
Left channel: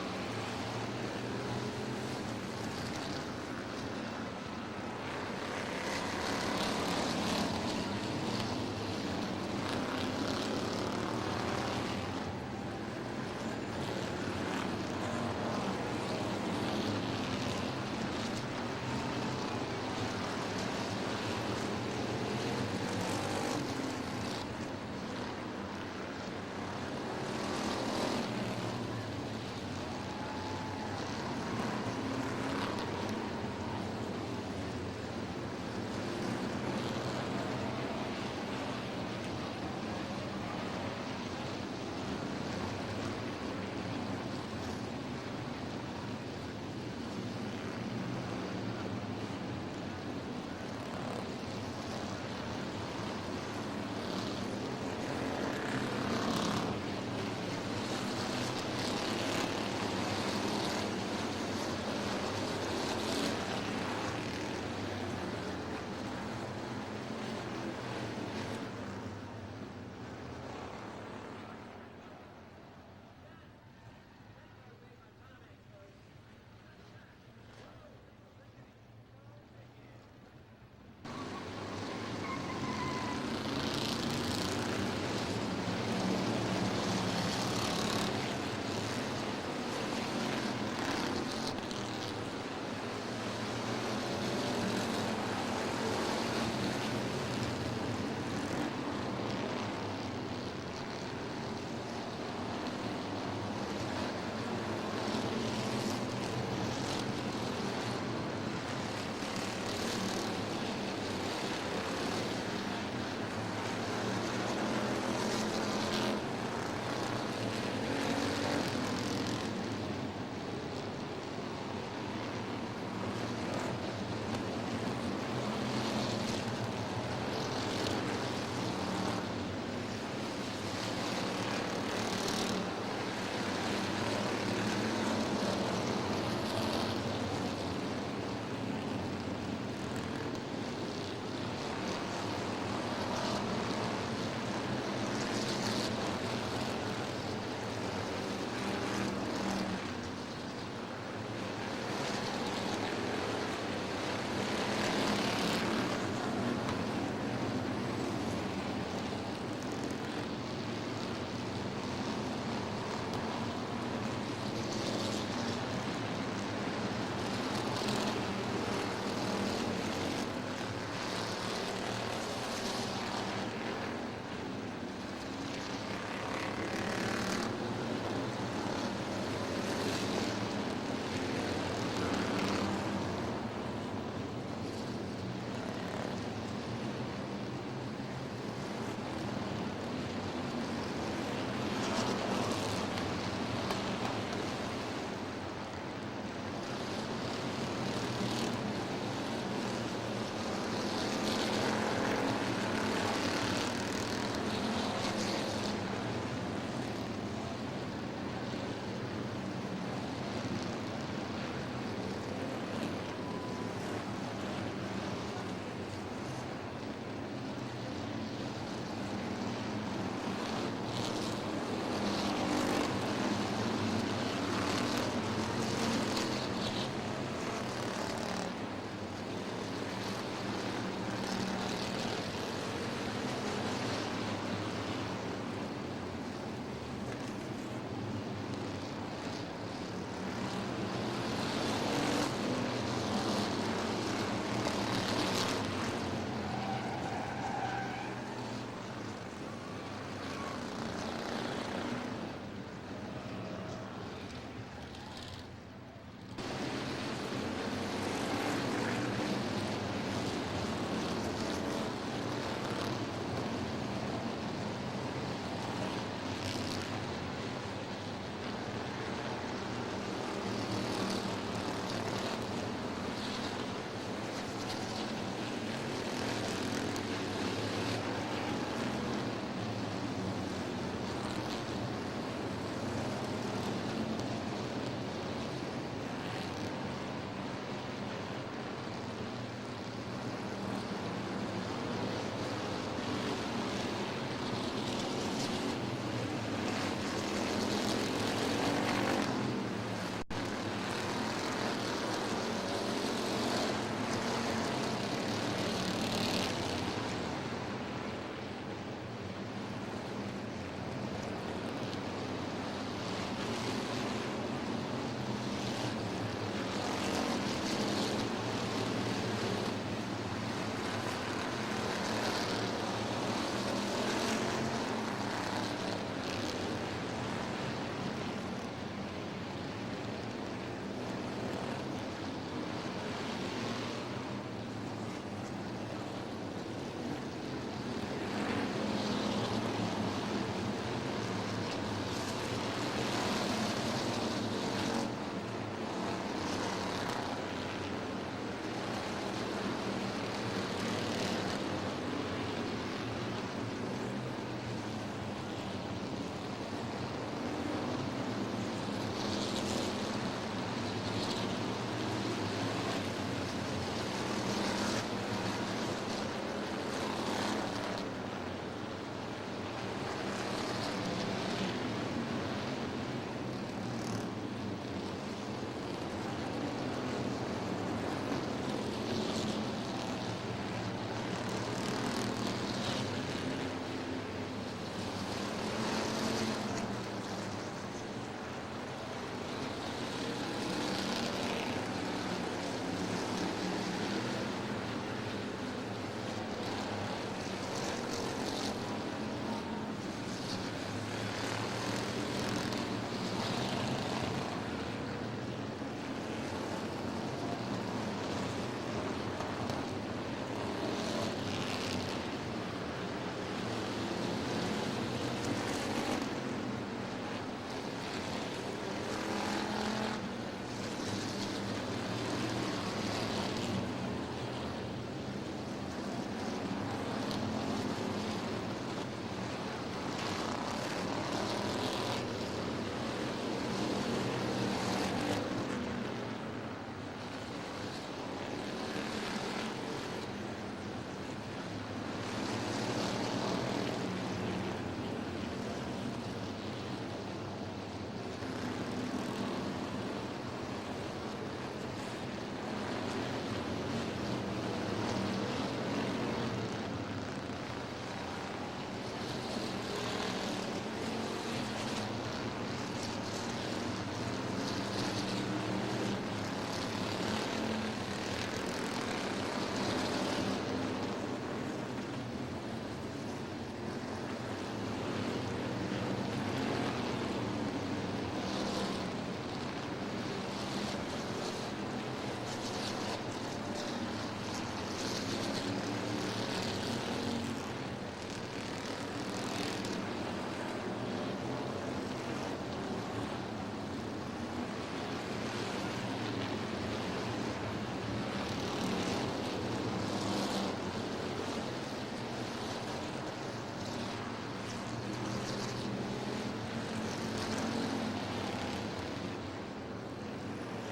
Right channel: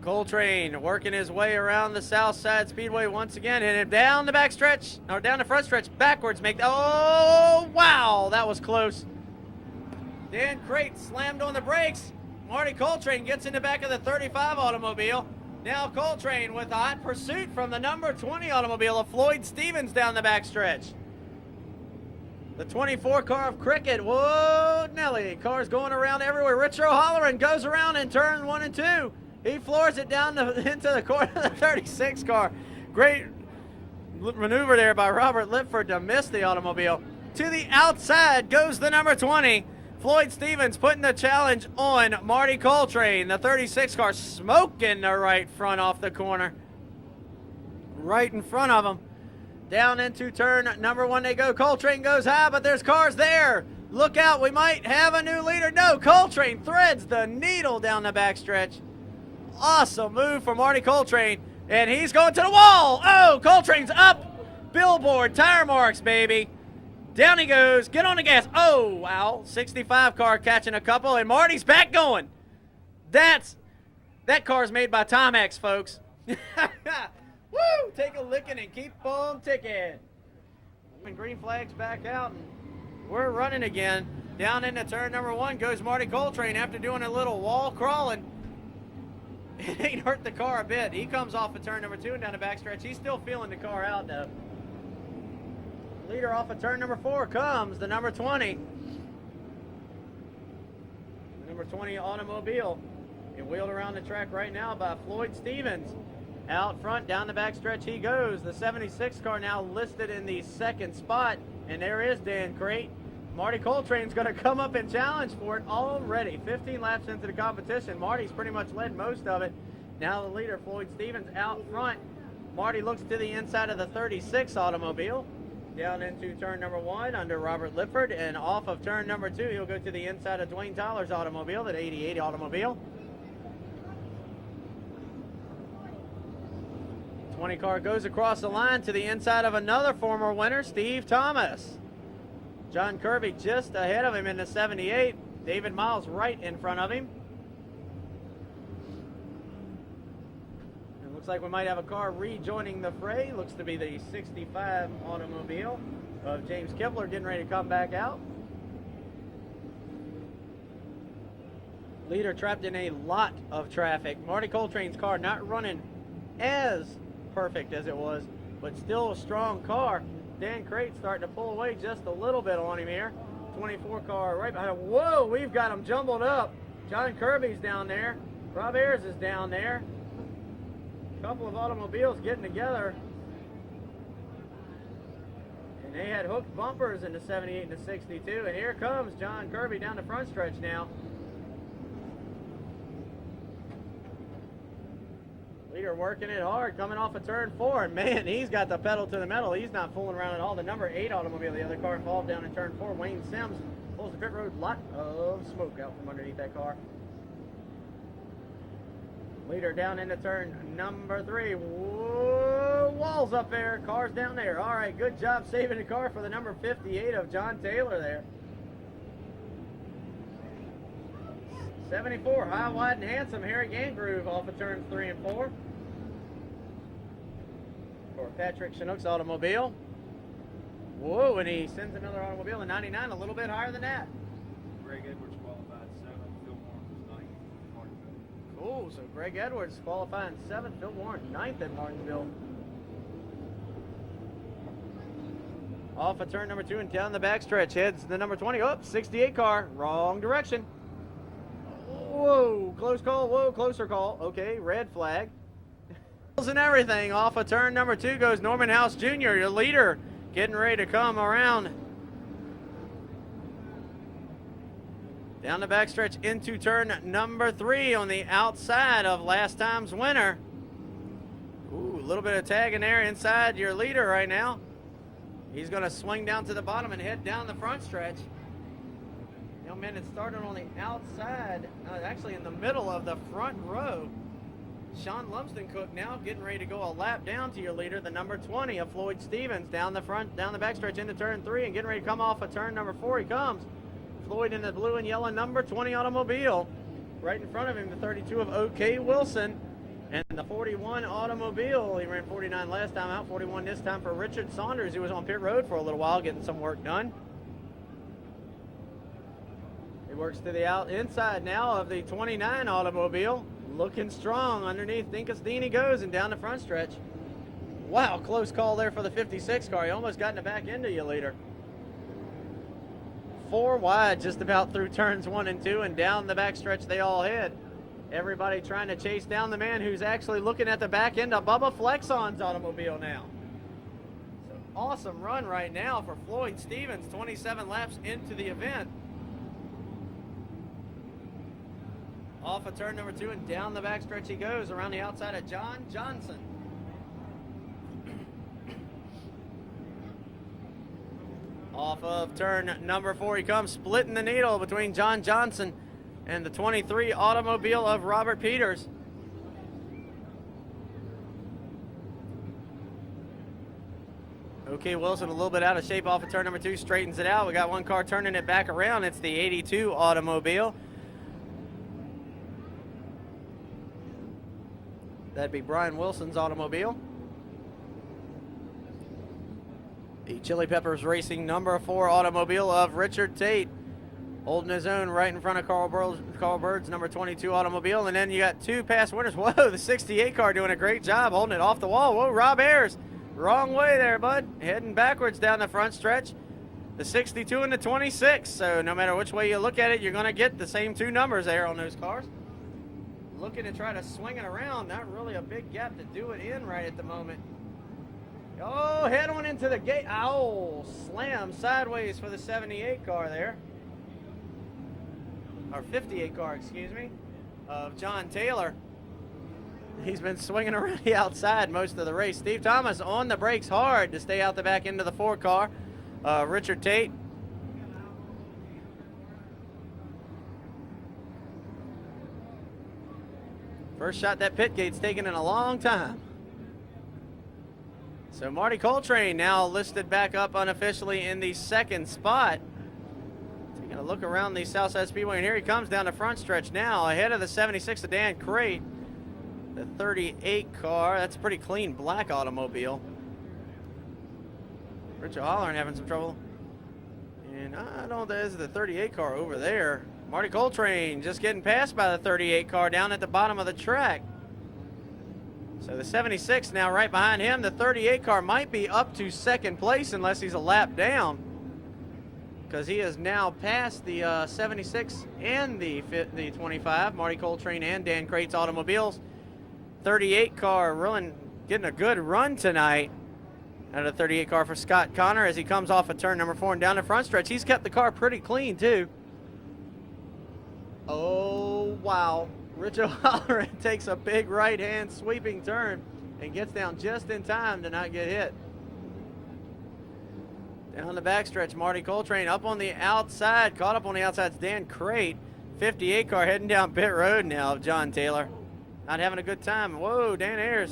Coltrane working his way around the Southside Speedway once again. Headed down the back stretch, or down the front stretch, backwards. Oh, wow, that was close. Dan Crate slammed on the brakes. Marty Coltrane gets in the back of the 35 automobile. Now Coltrane with a hot pursuit from the number 20 automobile of Floyd Stevens down the back stretch. The 24 car of Cricket. Whoa, Nelly. Cars going around everywhere. Rich O'Halloran goes around in turn 1 and 2. He floors it down into the corner of the 36 car. Great maneuver there by Robert Lipford to miss the automobile. To the outside goes the number 20. Floyd Stevens putting the challenge on Marty Coltrane. The 36 car smoking the right front off the corner. Right in front of him. Down into turn number 1 they go. Coltrane goes high, but there's cars there. Look out, we might have a new leader. No, Coltrane threads the needle down the backstretch. Awesome move for Marty Coltrane. And he's going to the wall. Oh, Coltrane's up. Billboard, tire marks, baby. Down he goes. Get on the gas. Oh, wow. 65 car catching a couple, and Marty's back going. That car's made by Timex, folks. Woo! Take a licking and keep on ticking. The green flag's back out. We're running again. Down into turn number 1 goes Marty Coltrane after doing a little wall crawling. It ain't hurt the car a bit. He comes off of turn number 2 down the backstretch. He's still feeling the car out, though. Leader off of turn number 4 comes the number 20. Number 20 automobile. Wheeled around the track right now by Floyd Stevens. Out front, down the backstretch he goes. The 76 car now listed in the 2nd spot. And there is Dan Crate. Marty Coltrane's going to come up and challenge for it already. 15 laps into the competition. Marty's pretty much led most of it. Now the leader, Floyd Stevens, out front. Marty looks to the inside of the 36 automobile. Down into turn number 1 under Robert Lippard. And off of turn number 2, he'll go to the inside of Dwayne Dollar's automobile, that 88 automobile. 20 car goes across the line to the inside of another former winner, Steve Thomas. John Kirby just ahead of him in the 78. David Miles right in front of him. Looks like we might have a car rejoining the fray. Looks to be the 65 automobile. James Kipler getting ready to come back out. Leader trapped in a lot of traffic. Marty Coltrane's car not running as perfect as it was, but still a strong car. Dan Crate starting to pull away just a little bit on him here. 24 car right behind him. Whoa, we've got them jumbled up. John Kirby's down there. Rob Ayers is down there. A couple of automobiles getting together. They had hooked bumpers in the 78 to 62, and here comes John Kirby down the front stretch now. Working it hard, coming off of turn 4. Man, he's got the pedal to the metal. He's not fooling around at all. The number 8 automobile in the car ball down in turn 4. Wayne Sims, little strip road spot. Oh, got underneath that car. Leader down into turn number 3. Whoa, walls up there, cars down there. All right, good job saving the car for the number 58 of John Taylor there. 74, high, wide, and handsome. Eric Andrews off of turn 3 and 4. Patrick Chinook's automobile. Whoa, and he sends another automobile in 99, a little bit higher than that. Ooh, so Greg Edwards qualifying 7th to 1, 9th in automobile. Off of turn number 2 and down the backstretch, heads the number 20. Oh, 68 car, wrong direction. Whoa, close call, whoa, closer call. Okay, red flag. And everything. Off of turn number 2 goes Norman House Jr., your leader, getting ready to come around. Down the backstretch into turn number 3 on the outside of last time's winner. A little bit of tag in there inside your leader right now. He's going to swing down to the bottom and head down the front stretch. Young man is starting on the outside, actually in the middle of the front row. Sean Lumsden put down, getting ready to go a lap down to your leader, the number 20 of Floyd Stevens, down the backstretch into turn 3, getting ready to come off of turn number 4. He comes. Floyd in the blue and yellow number 20 automobile. Right in front of him, 32 of O.K. Wilson. And the 41 automobile, he ran 49 last time out, 41 this time for Richard Saunders, who was on pit road for a little while, getting some work done. Works to the inside now of the 29 automobile, looking strong underneath. Incastini goes and down the front stretch. Wow, close call there for the 56 car. He almost got in the back end of you later. 4 wide just about through turns 1 and 2, and down the back stretch they all head. Everybody trying to chase down the man who's actually looking at the back end of Bubba Flexon's automobile now. Awesome run right now for Floyd Stevens, 27 laps into the event. Off of turn number 2 and down the back stretch he goes around the outside of John Johnson. Off of turn number 4 he comes, splitting the needle between John Johnson and the 23 automobile of Robert Peters. O.K. Wilson a little bit out of shape off of turn number 2, straightens it out. We got one car turning it back around. It's the 82 automobile. That'd be Brian Wilson's automobile. The Chili Peppers Racing number 4 automobile of Richard Tate. Holding his own right in front of Carl Bird's number 22 automobile. And then you got 2 past winners. Whoa, the 68 car doing a great job holding it off the wall. Whoa, Rob Ayers. Wrong way there, bud. Heading backwards down the front stretch. The 62 and the 26. So no matter which way you look at it, you're going to get the same 2 numbers there on those cars. Looking to try to swing it around. Not really a big gap to do it in right at the moment. Oh, head on into the gate. Ow, slam sideways for the 78 car there. 58 car, excuse me, of John Taylor. He's been swinging around the outside most of the race. Steve Thomas on the brakes hard to stay out the back end of the 4 car. Richard Tate. First shot that pit gate's taken in a long time. So Marty Coltrane now listed back up unofficially in the 2nd spot. Look around the Southside Speedway, and here he comes down the front stretch now, ahead of the 76 of Dan Crate. The 38 car, that's a pretty clean black automobile. Richard Hollern having some trouble. And I know there's the 38 car over there. Marty Coltrane just getting passed by the 38 car down at the bottom of the track. So the 76 now right behind him. The 38 car might be up to 2nd place unless he's a lap down, because he has now passed the 76 and the 25, Marty Coltrane and Dan Crate's automobiles. 38 car really getting a good run tonight. And a 38 car for Scott Connor as he comes off of turn number 4 and down the front stretch. He's kept the car pretty clean too. Oh, wow. Rich O'Halloran takes a big right-hand sweeping turn and gets down just in time to not get hit. On the backstretch, Marty Coltrane up on the outside, caught up on the outside. Dan Crate, 58 car heading down pit road now. John Taylor not having a good time. Whoa, Dan Ayers.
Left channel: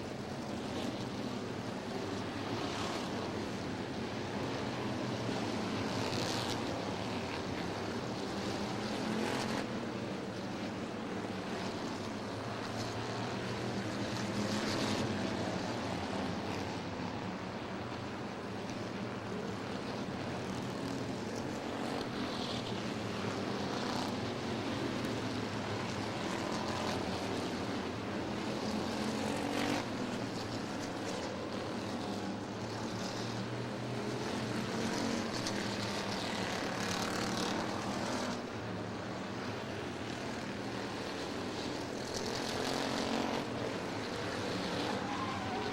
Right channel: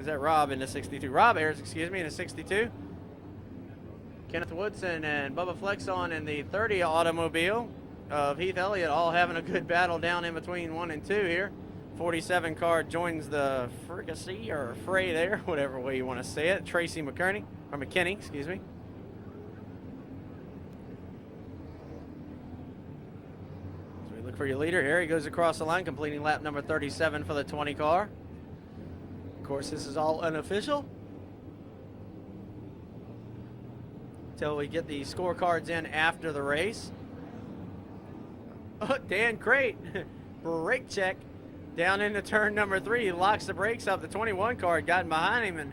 Is that Rob in the 62? Rob Ayers, excuse me, in the 62. Kenneth Woodson and Bubba Flexon in the 30 automobile. of Heath Elliott all having a good battle down in between 1 and 2 here. 47 car joins the fricassee or fray there, whatever way you want to say it. Tracy McKinney, excuse me. For your leader, here he goes across the line, completing lap number 37 for the 20 car. Of course, this is all unofficial until we get the scorecards in after the race. Oh, Dan Crate, brake check down into turn number 3. He locks the brakes up. The 21 car gotten behind him and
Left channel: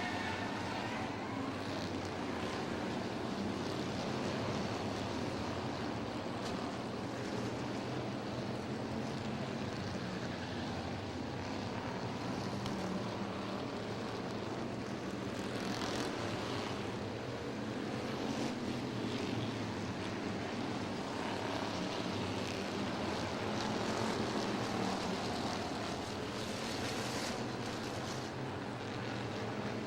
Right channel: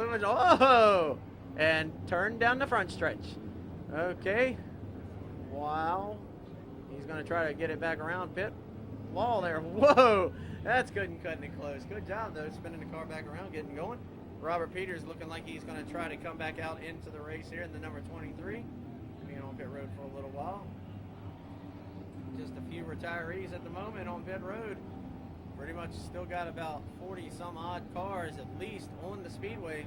moving. Oh, and turned down the front stretch. Okay. Wow. He's going to try to get it back around. Pit ball there. Whoa, that's good and cutting it close. Good job, though. Spinning the car back around, getting going. Robert Peters looking like he's going to try to come back out into the race here. The number 23. Got about 40 some odd cars at least on the speedway,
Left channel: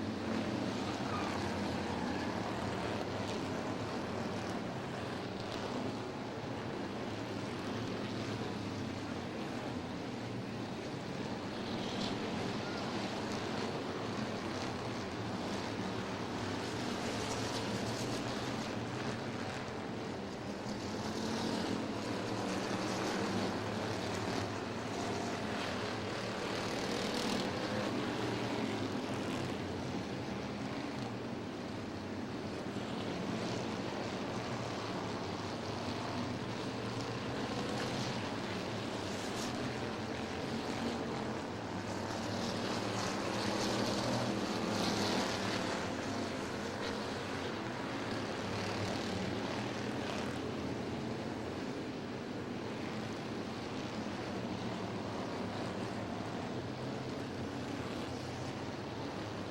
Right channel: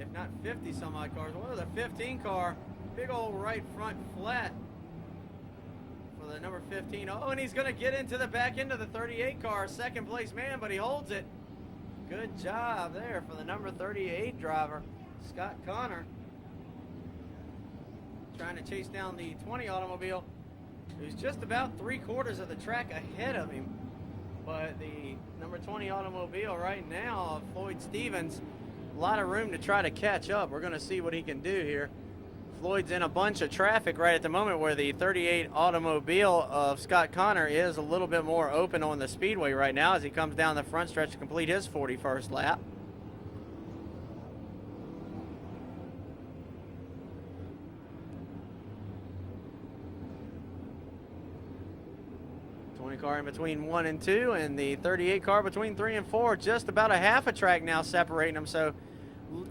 if not 50 some odd cars. Look at the 15 car, big old right front flat for the number 15. Oh, and he's going to get into the back end of the 38 car, second place man, but he holds it. Good job there for the number 38 driver, Scott Connor. Trying to chase down the 20 automobile. Just about 3/4 of the track ahead of him. But the automobile right now, Floyd Stevens, a lot of room to try to catch up. We're going to see what he can do here. Floyd's in a bunch of traffic right at the moment where the 38 automobile of Scott Connor is a little bit more open on the speedway right now as he comes down the front stretch to complete his 41st lap. Car in between 1 and 2, and the 38 car between 3 and 4. Just about a half a track now separating them, so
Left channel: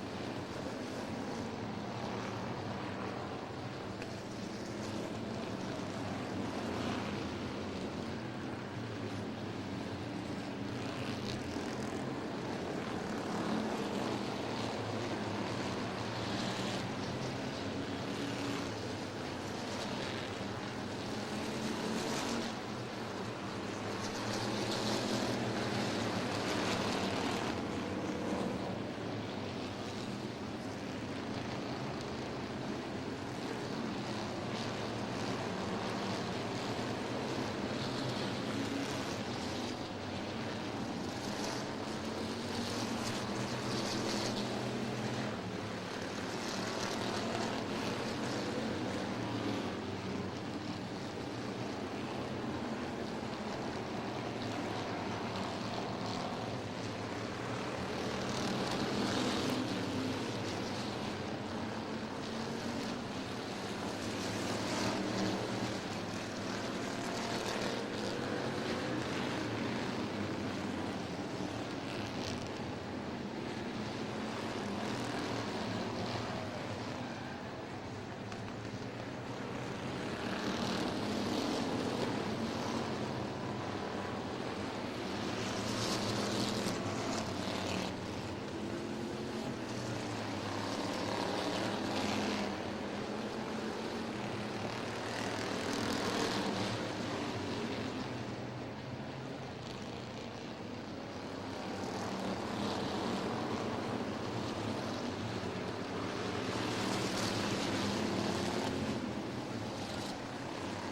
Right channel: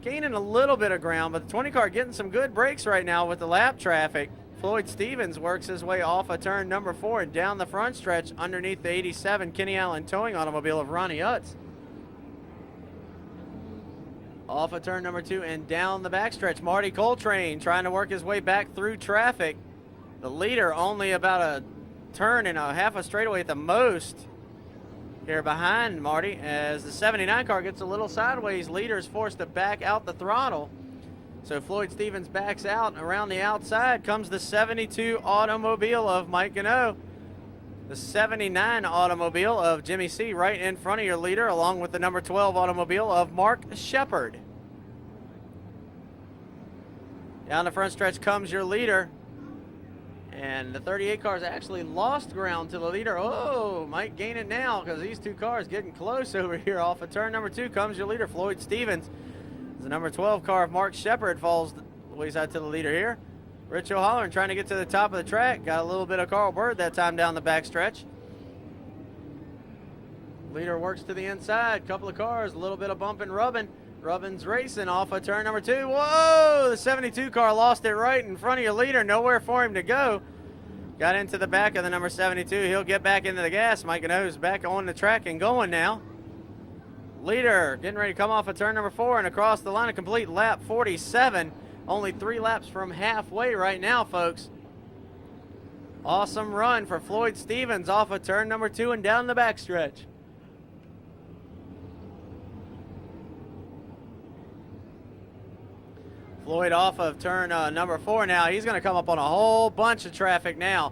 gaining a little bit of ground, but the 20 car getting some good breaks right now with the lap traffic. Floyd Stevens works his way off of turn number 4 and down the front stretch underneath the 87 Kenny Allen towing automobile of Ronnie Utz. Off of turn number 2 and down the backstretch. Marty Coltrane trying to work his way back through traffic. The leader only about a turn and a half a straightaway at the most here behind Marty as the 79 car gets a little sideways. Leader is forced to back out the throttle. So Floyd Stevens backs out, and around the outside comes the 72 automobile of Mike Gano. The 79 automobile of Jimmy C right in front of your leader, along with the number 12 automobile of Mark Shepard. Down the front stretch comes your leader. And the 38 cars actually lost ground to the leader. Oh, might gain it now because these two cars getting close over here. Off of turn number 2 comes your leader, Floyd Stevens. The number 12 car, Mark Shepard, falls out to the leader here. Rich O'Halloran trying to get to the top of the track. Got a little bit of Carl Bird that time down the backstretch. Leader works to the inside. Couple of cars, a little bit of bumping, rubbing. Rubbin's racing off of turn number 2. Whoa, the 72 car lost it right in front of your leader. Nowhere for him to go. Got into the back of the number 72. He'll get back into the gas. Mike Gano's back on the track and going now. Leader getting ready to come off of turn number 4 and across the line to complete lap 47. Only 3 laps from halfway right now, folks. Awesome run for Floyd Stevens off of turn number 2 and down the backstretch. Floyd off of turn number 4 now. He's going to come up on a whole bunch of traffic now.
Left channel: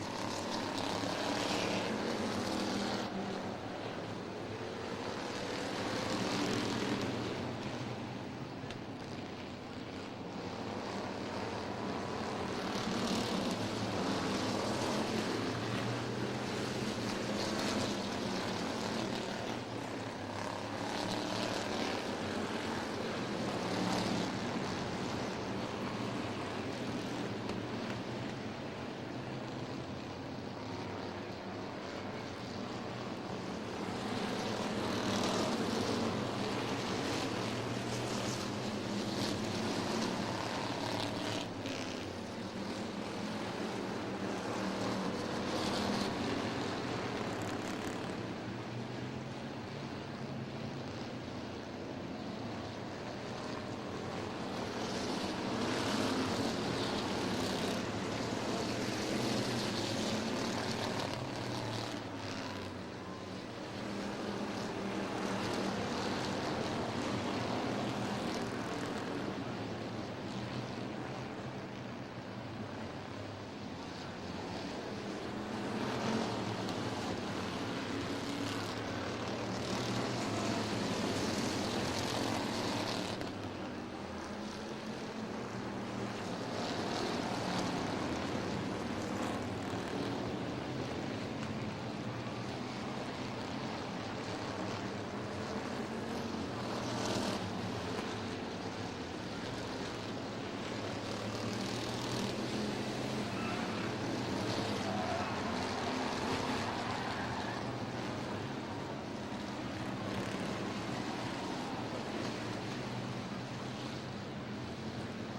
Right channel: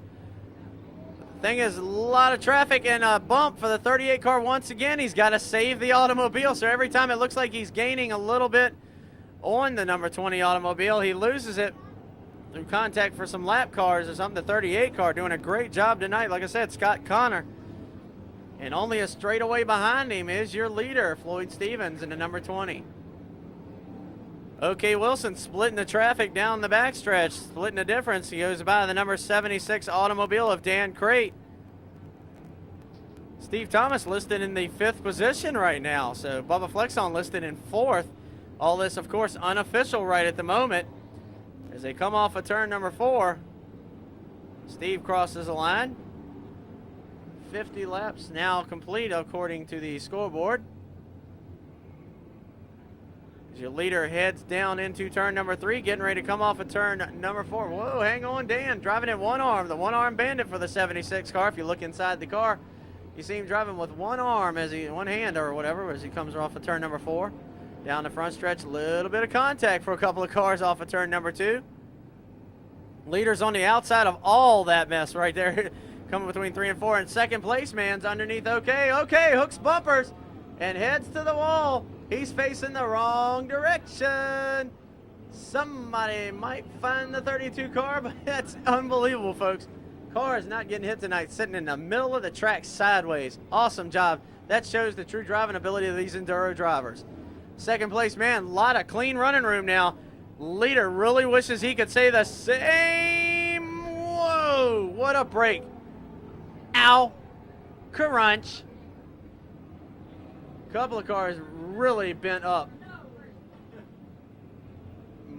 Thing is, a lot of traffic and a bump for the 38 car once again. He's got to save the automobile, so every time it looks like he's gaining a little bit on the number 20 automobile, he loses it through contact for some lap cars as I'm the 38 car doing a great job tonight. Like I said, Scott Connor. And only a straightaway behind him is your leader, Floyd Stevens, in the number 20. OK Wilson splitting the traffic down the backstretch, splitting the difference. He goes by the number 76 automobile of Dan Crate. Steve Thomas listed in the 5th position right now. So Bubba Flexon listed in 4th. All this, of course, unofficial right at the moment. As they come off of turn number 4, Steve crosses the line. 50 laps now complete according to the scoreboard. Your leader heads down into turn number 3, getting ready to come off of turn number 4. Whoa, hang on, Dan. Driving in one arm, the one-arm bandit for the 76 car. If you look inside the car, you see him driving with one arm, one hand or whatever, as he comes off of turn number 4. Down the front stretch, a little bit of contact for a couple of cars off of turn number 2. Leader's on the outside of all that mess right there. Coming between 3 and 4, and second place man's underneath. Okay, hooks bumpers and heads to the wall. He's facing the wrong direction. Somebody might find the 32 car, but that's unbelievable, folks. Car is not getting hit tonight, sitting in the middle of the track sideways. Awesome job. That shows the true driving ability of these Enduro drivers. Second place man, a lot of clean running room now. Leader really wishes he could say the same. Whoa, what a break. Ow, crunch. Couple of cars really bent up.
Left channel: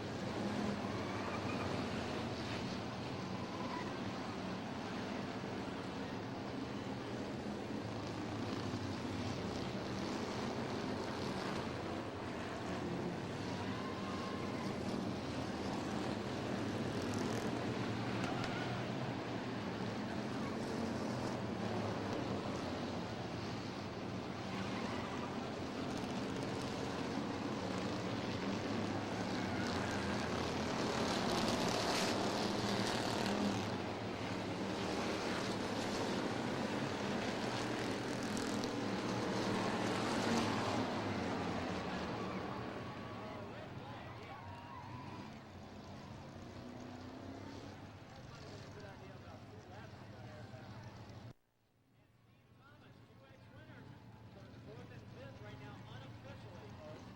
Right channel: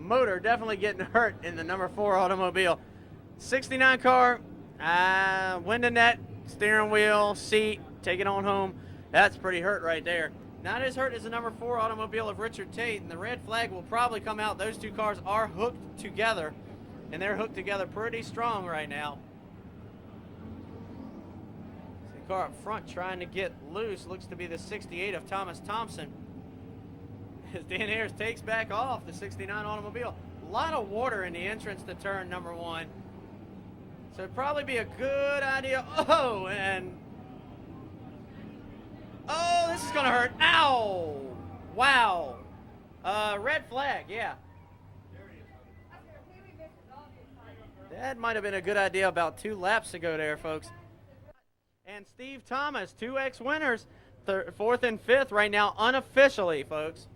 Motor definitely getting hurt in the number 4 automobile. 69 car, wind and net, steering wheel, seat, take it on home. That's pretty hurt right there. Not as hurt as the number 4 automobile of Richard Tate, and the red flag will probably come out. Those two cars are hooked together, and they're hooked together pretty strong right now. Car up front trying to get loose, looks to be the 68 of Thomas Thompson. Dan Ayers takes back off the 69 automobile. A lot of water in the entrance to turn number 1. So it'd probably be a good idea. Oh, this is gonna hurt. Ow! Wow. Red flag, yeah. That might have been a good idea about 2 laps ago there, folks. And Steve Thomas, 2X winners, 4th and 5th right now, unofficially, folks.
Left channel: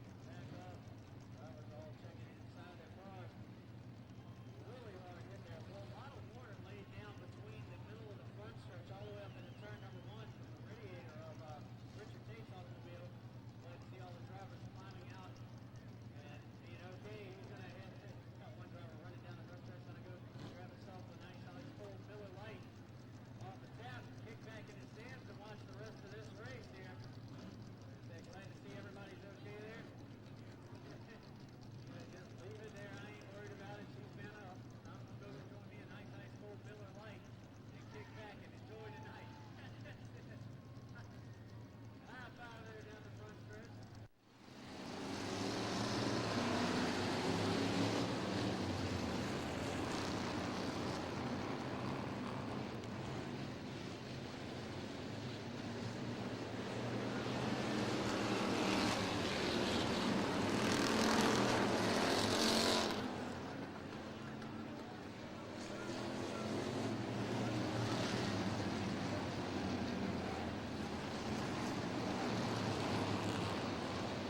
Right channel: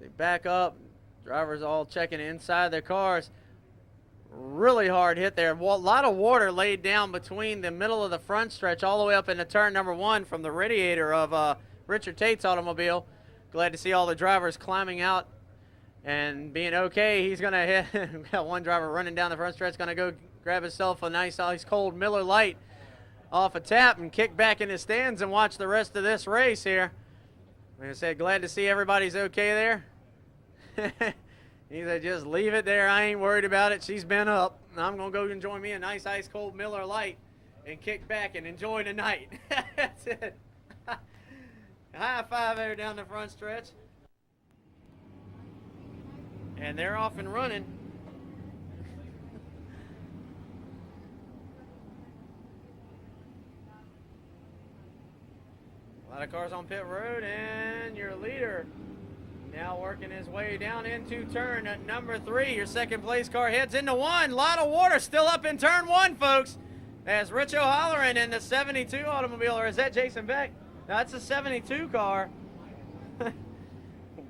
They back up. Drivers all checking inside their cars. Really hard hit there. A lot of water laid down between the middle of the front stretch all the way up into turn number 1 from the radiator of Richard Tate's automobile. Glad to see all the drivers climbing out and being okay. He's going to hit. We got one driver running down the front stretch, going to go grab himself a nice ice cold Miller Lite off a tap and kick back in his stands and watch the rest of this race here. Like I said, glad to see everybody's okay there. He said, just leave it there. I ain't worried about it. She's been up. I'm going to go enjoy me a nice ice cold Miller Lite and kick back and enjoy the night. That's it. High five there down the front stretch. And they're off and running. A lot of cars on pit road, and your leader now working his way down into turn number 3. Your second place car heads into 1. A lot of water still up in turn 1, folks. As Rich O'Halloran in the 72 automobile, or is that Jason Beck? No, that's a 72 car.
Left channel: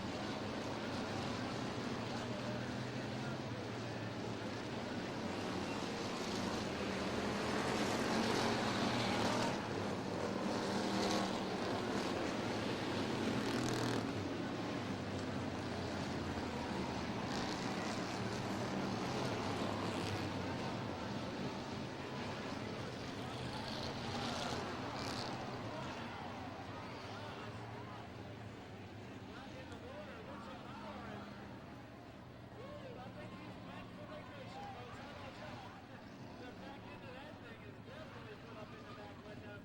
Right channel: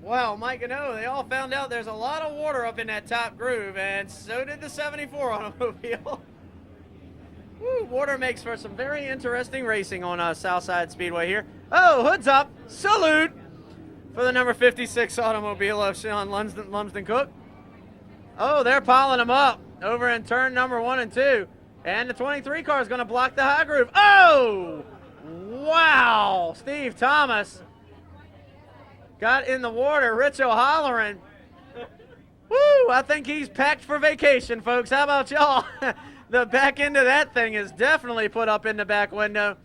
Wow, Mike and O, they all found out there's a lot of water up in that top groove, and so did the 74 automobile. Woo, water makes for some very interesting racing on Southside Speedway here. Oh, hood's up. Salute for the number 56 automobile of Sean Lumsden Cook. Oh, they're piling them up over in turn number 1 and 2. And the 23 car is going to block the high groove. Oh, wow. Steve Thomas got in the water. Rich O'Halloran. Woo, I think he's packed for vacation, folks. How about y'all? The back end of that thing is definitely put up in the back window.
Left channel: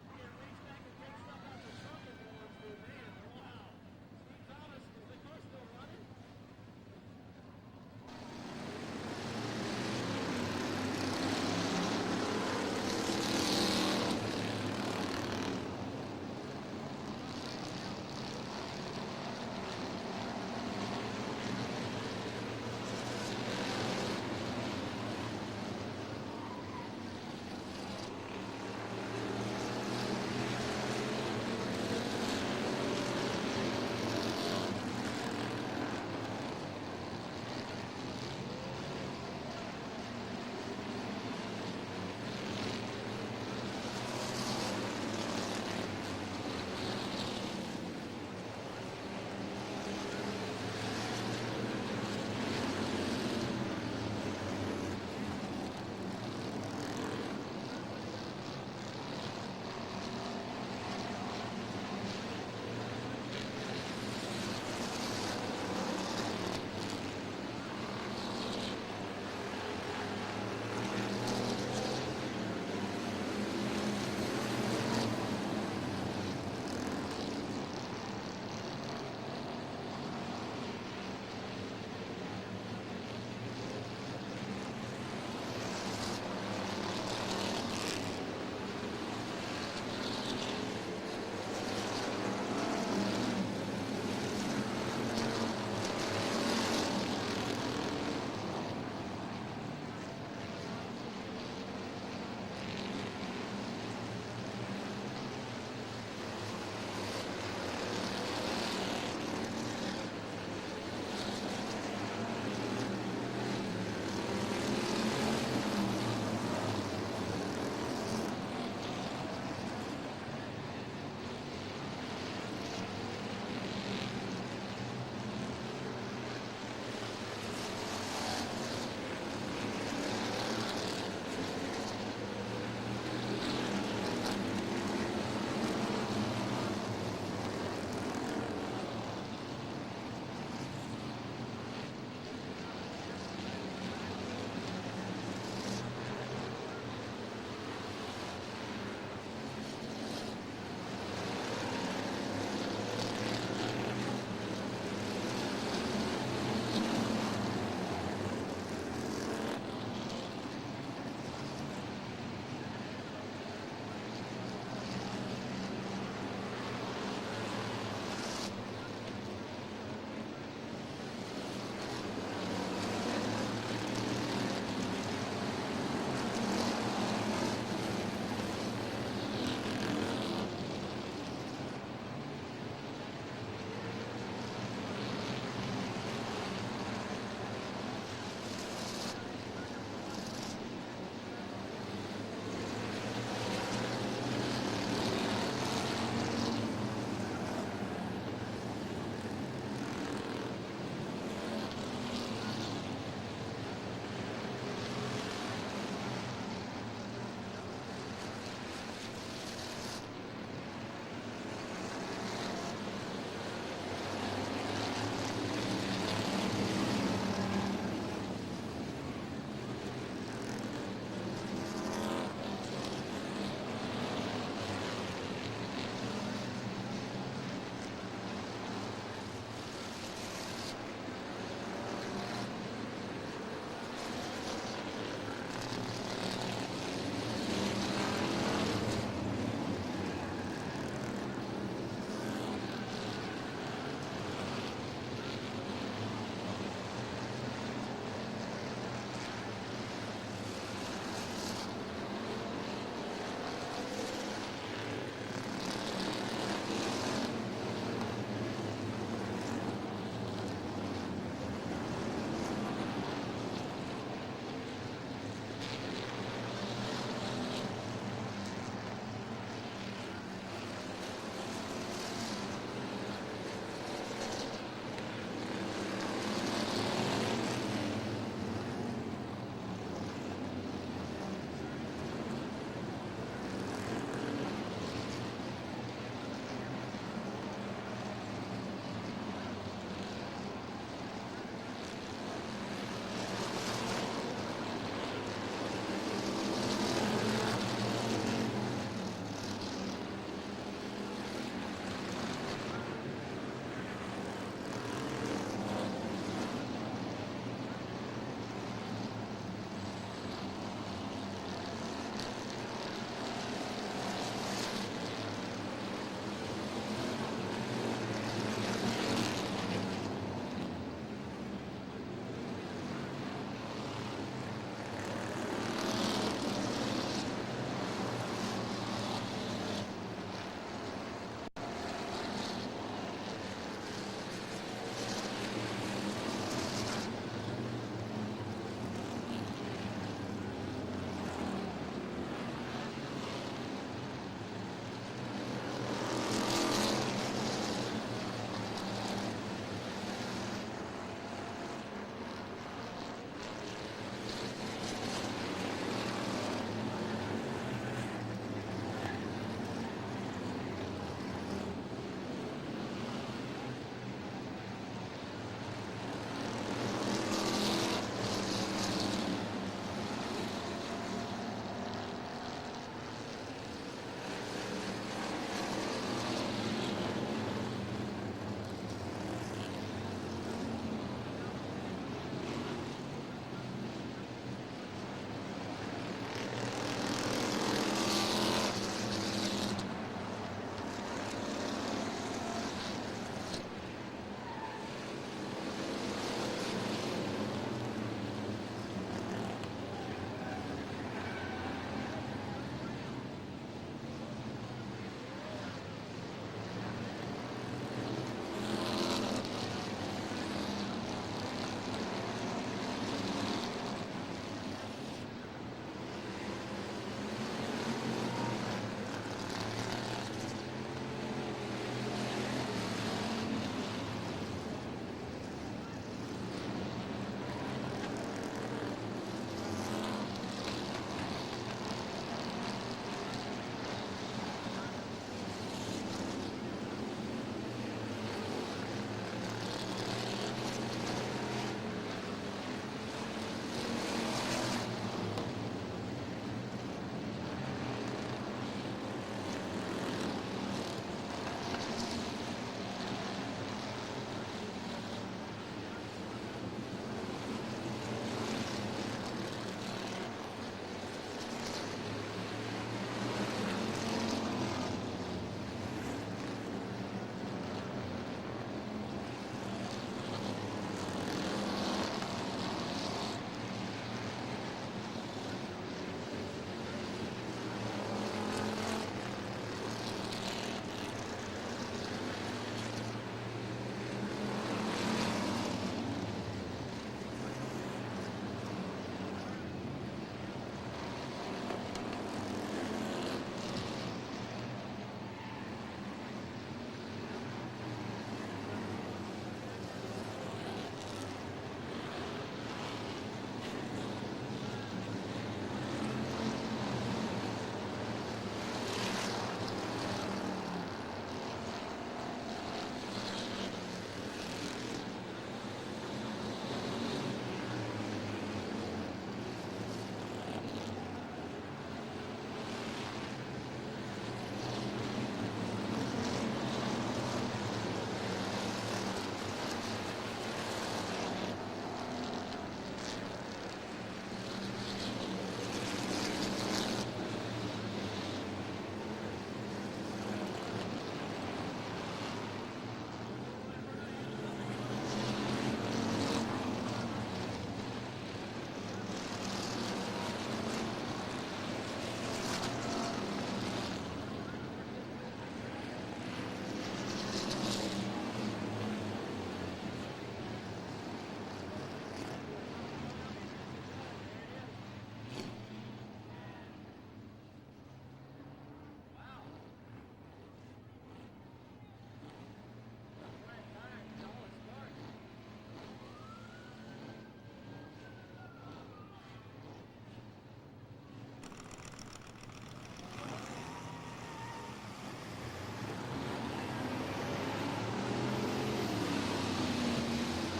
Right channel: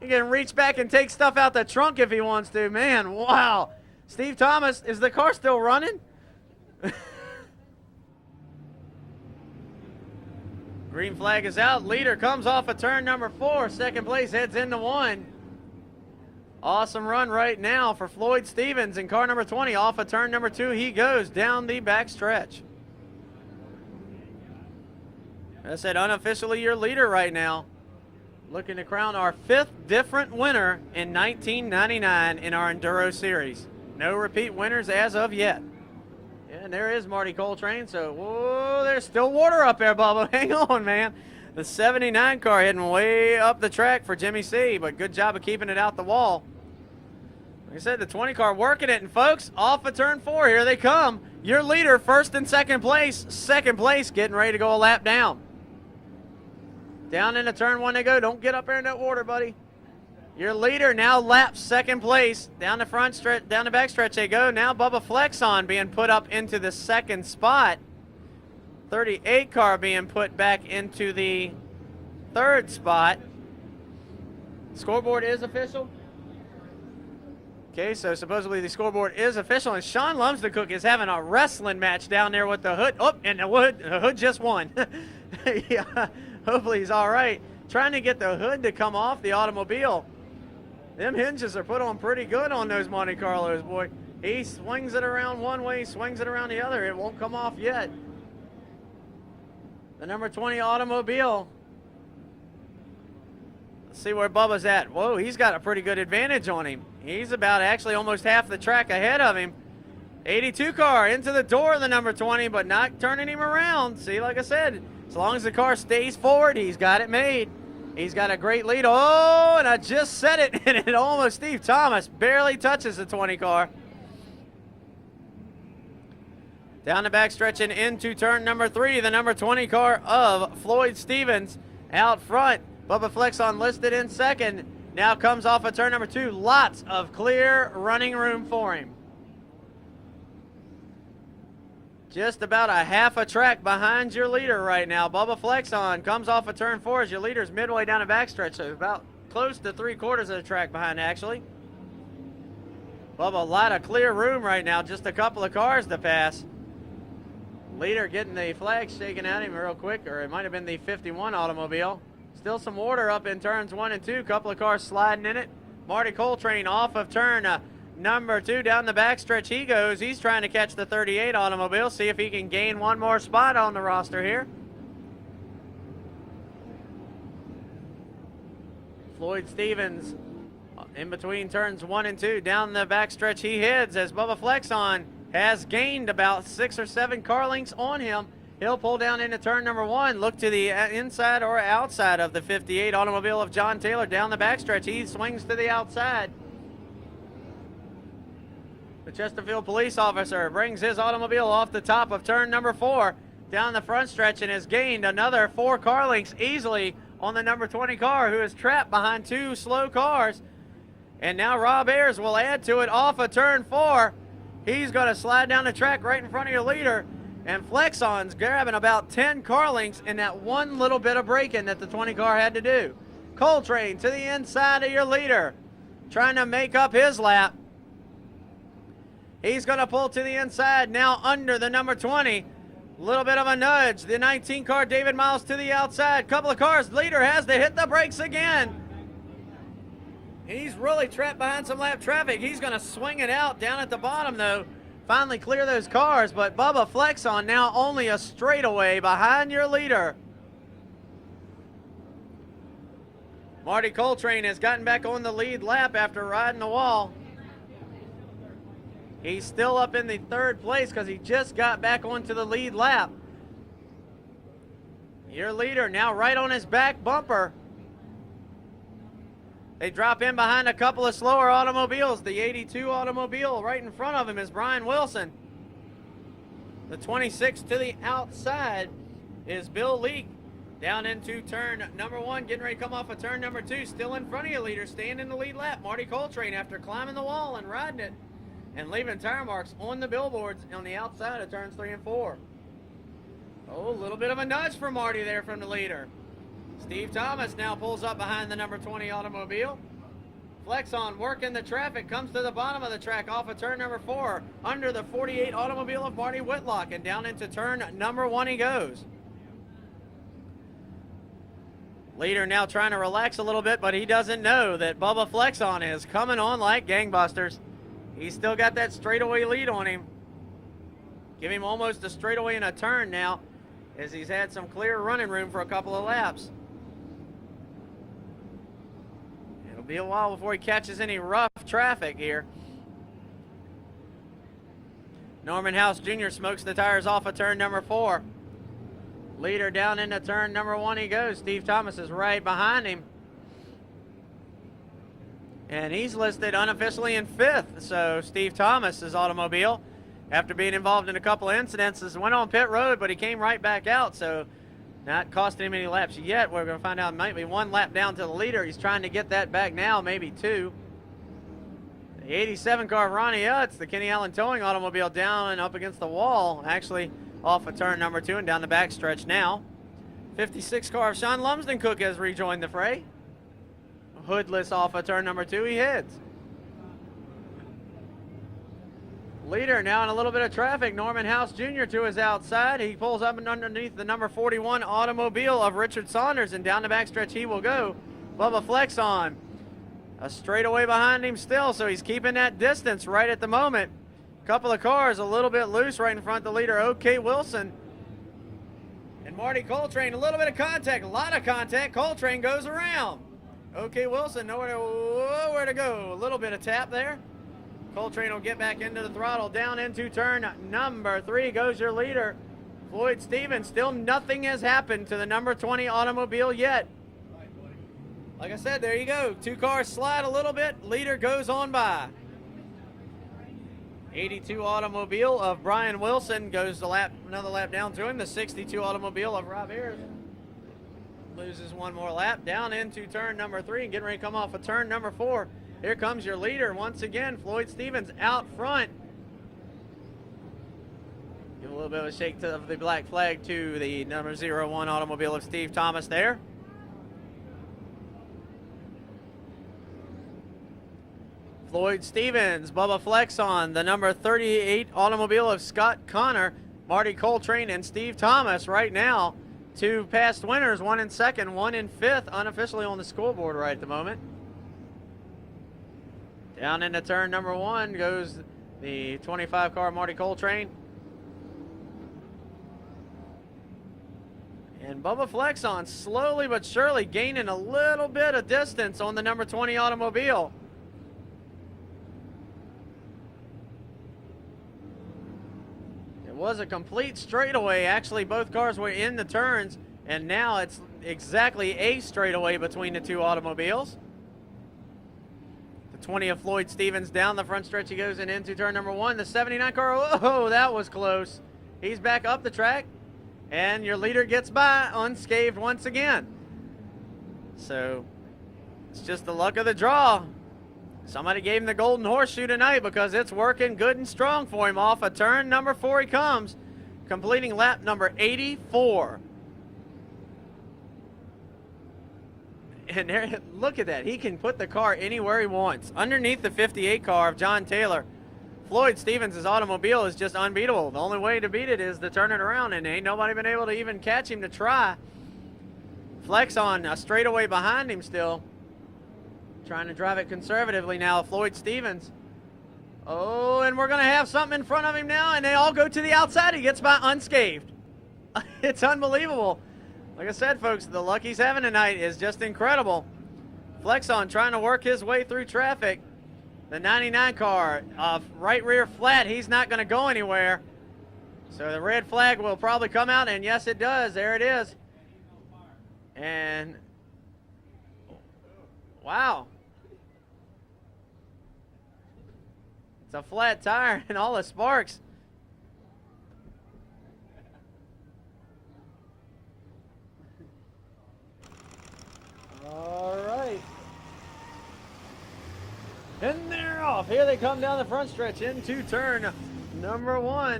He can reach back and take stuff out the trunk if he wants to. Man, wow. Steve Thomas, is the car still running? Green flag is out. Leader comes off of turn number 4. Second place heads into 1. Awesome run right now for Floyd Stevens in car number 20. Off of turn number 2, he goes down the back stretch. I said unofficially your leader right now. Looking to crown our 5th different winner in 1999 in our Enduro series. No repeat winners as of yet. And there is Marty Coltrane. So, whoa, there's still water up there, Bubba. Hang on, man. The 79 car heading way up the track for Jimmy C, but good job of keeping it out the wall. They said the 20 car working it, and folks, off of turn 4, here they come. Your leader, first and second place. Second place, getting ready to go a lap down. Down into turn 1 they go. Don't get up there in that water, buddy. Your leader now laps second place. Down the front stretch, down the back stretch they go. Now Bubba Flexon being put up into the second spot. 38 car being put back into the third spot. Scoreboard is official. Okay, so supposedly the scoreboard is official, and Sean Lumsdencook is having a wrestling match down there with the Hood. Oh, and the Hood just won. Yeah, hopefully he's all right. Trying to get the Hood to come off the automobile. Them hinges are put on pretty good on those Monte Carlos, boy. He swings it around one way, swings it around the other. It won't come off yet. The number 20 automobile. Let's see where Bubba's at. Whoa, he's got a pretty good advantage on him. He's about actually almost half the track ahead of him. 82 car into the door of the number 20, but not turning him around. See, like I said, as long as the car stays forward, he's got it made. He's got a great lead. Oh, and I just said it, and it almost, Steve Thomas barely touches the 20 car. Down the back stretching into turn number 3, the number 20 car of Floyd Stevens out front. Bubba Flexon listed in second. Now comes off of turn number 2. Lots of clear running room for him. Just about a half a track behind your leader right now. Bubba Flexon comes off of turn 4 as your leader's midway down the backstretch, so about close to 3/4 of the track behind actually. Bubba, a lot of clear room right now, just a couple of cars to pass. Leader getting the flag shaken at him real quick, or it might have been the 51 automobile. Still some order up in turns 1 and 2, couple of cars sliding in it. Marty Coltrane off of turn number 2 down the backstretch he goes. He's trying to catch the 38 automobile, see if he can gain one more spot on the roster here. Floyd Stevens in between turns 1 and 2 down the backstretch he heads as Bubba Flexon has gained about 6 or 7 car lengths on him. He'll pull down into turn number 1, look to the inside or outside of the 58 automobile of John Taylor down the backstretch. He swings to the outside. Chesterfield police officer brings his automobile off the top of turn number 4 down the front stretch and has gained another 4 car lengths easily on the number 20 car, who is trapped behind 2 slow cars. And now Rob Ayers will add to it off of turn 4. He's going to slide down the track right in front of your leader, and Flexon's grabbing about 10 car lengths in that one little bit of braking that the 20 car had to do. Coltrane to the inside of your leader, trying to make up his lap. He's going to pull to the inside now under the number 20. A little bit of a nudge. The 19 car, David Miles, to the outside. Couple of cars. Leader has to hit the brakes again. He's really trapped behind some lap traffic. He's going to swing it out down at the bottom, though. Finally clear those cars, but Bubba Flexon now only a straightaway behind your leader. Marty Coltrane has gotten back on the lead lap after riding the wall. He's still up in the 3rd place because he just got back onto the lead lap. Your leader now right on his back bumper. They drop in behind a couple of slower automobiles. The 82 automobile right in front of him is Brian Wilson. The 26 to the outside is Bill Leake. Down into turn number 1, getting ready to come off of turn number 2. Still in front of your leader, staying in the lead lap. Marty Coltrane after climbing the wall and riding it and leaving tire marks on the billboards on the outside of turns 3 and 4. Oh, a little bit of a nudge for Marty there from the leader. Steve Thomas now pulls up behind the number 20 automobile. Flexon working the traffic, comes to the bottom of the track off of turn number 4, under the 48 automobile of Marty Whitlock, and down into turn number 1 he goes. Leader now trying to relax a little bit, but he doesn't know that Bubba Flexon is coming on like gangbusters. He's still got that straightaway lead on him. Give him almost a straightaway in a turn now, as he's had some clear running room for a couple of laps. Be a while before he catches any rough traffic here. Norman House Jr. smokes the tires off of turn number 4. Leader down into turn number 1 he goes. Steve Thomas is right behind him. And he's listed unofficially in 5th. So Steve Thomas's automobile, after being involved in a couple of incidents, went on pit road, but he came right back out. So Not costing him any laps yet. We're going to find out it might be 1 lap down to the leader. He's trying to get that back now, maybe 2. The 87 car of Ronnie Utz, the Kenny Allen Towing automobile, down and up against the wall, actually off of turn number 2 and down the backstretch now. 56 car of Sean Lumsden Cook has rejoined the fray. Hoodless off of turn number 2, he hits. Leader now in a little bit of traffic. Norman House Jr. to his outside. He pulls up and underneath the number 41 automobile of Richard Saunders, and down the backstretch he will go. Bubba Flex on. A straightaway behind him still, so he's keeping that distance right at the moment. A couple of cars a little bit loose right in front of the leader, OK Wilson. And Marty Coltrane, a little bit of contact, a lot of contact. Coltrane goes around. OK Wilson, nowhere to go. A little bit of tap there. Coltrane will get back into the throttle. Down into turn number 3 goes your leader, Floyd Stevens. Still nothing has happened to the number 20 automobile yet. Like I said, there you go. 2 cars slide a little bit. Leader goes on by. 82 automobile of Brian Wilson goes another lap down to him. The 62 automobile of Rob Harris loses 1 more lap. Down into turn number 3, getting ready to come off of turn number 4. Here comes your leader once again, Floyd Stevens out front. A little bit of a shake to the black flag to the number 01 automobile of Steve Thomas there. Floyd Stevens, Bubba Flex on the number 38 automobile of Scott Connor, Marty Coltrane, and Steve Thomas right now. 2 past winners, 1 in 2nd, 1 in 5th, unofficially on the scoreboard right at the moment. Down into turn number 1 goes the 25 car Marty Coltrane. And Bubba Flex on slowly but surely gaining a little bit of distance on the number 20 automobile. It was a complete straightaway. Actually, both cars were in the turns, and now it's exactly a straightaway between the 2 automobiles. 20 of Floyd Stevens down the front stretch he goes and into turn number 1. The 79 car, oh, that was close. He's back up the track, and your leader gets by unscathed once again. So, just the luck of the draw. Somebody gave him the golden horseshoe tonight because it's working good and strong for him. Off of turn number 4 he comes, completing lap number 84. And there, look at that. He can put the car anywhere he wants. Underneath the 58 car of John Taylor, Floyd Stevens' automobile is just unbeatable. The only way to beat it is to turn it around, and ain't nobody been able to even catch him to try. Flex on a straightaway behind him still. Trying to drive it conservatively now, Floyd Stevens. Oh, and we're going to have something in front of him now, and they all go to the outside. He gets by unscathed. It's unbelievable. Like I said, folks, the luck he's having tonight is just incredible. Flexon trying to work his way through traffic. The 99 car, right rear flat, he's not going to go anywhere. So the red flag will probably come out, and yes, it does. There it is. And, wow. It's a flat tire and all the sparks. All right. And they're off. Here they come down the front stretch into turn number 1.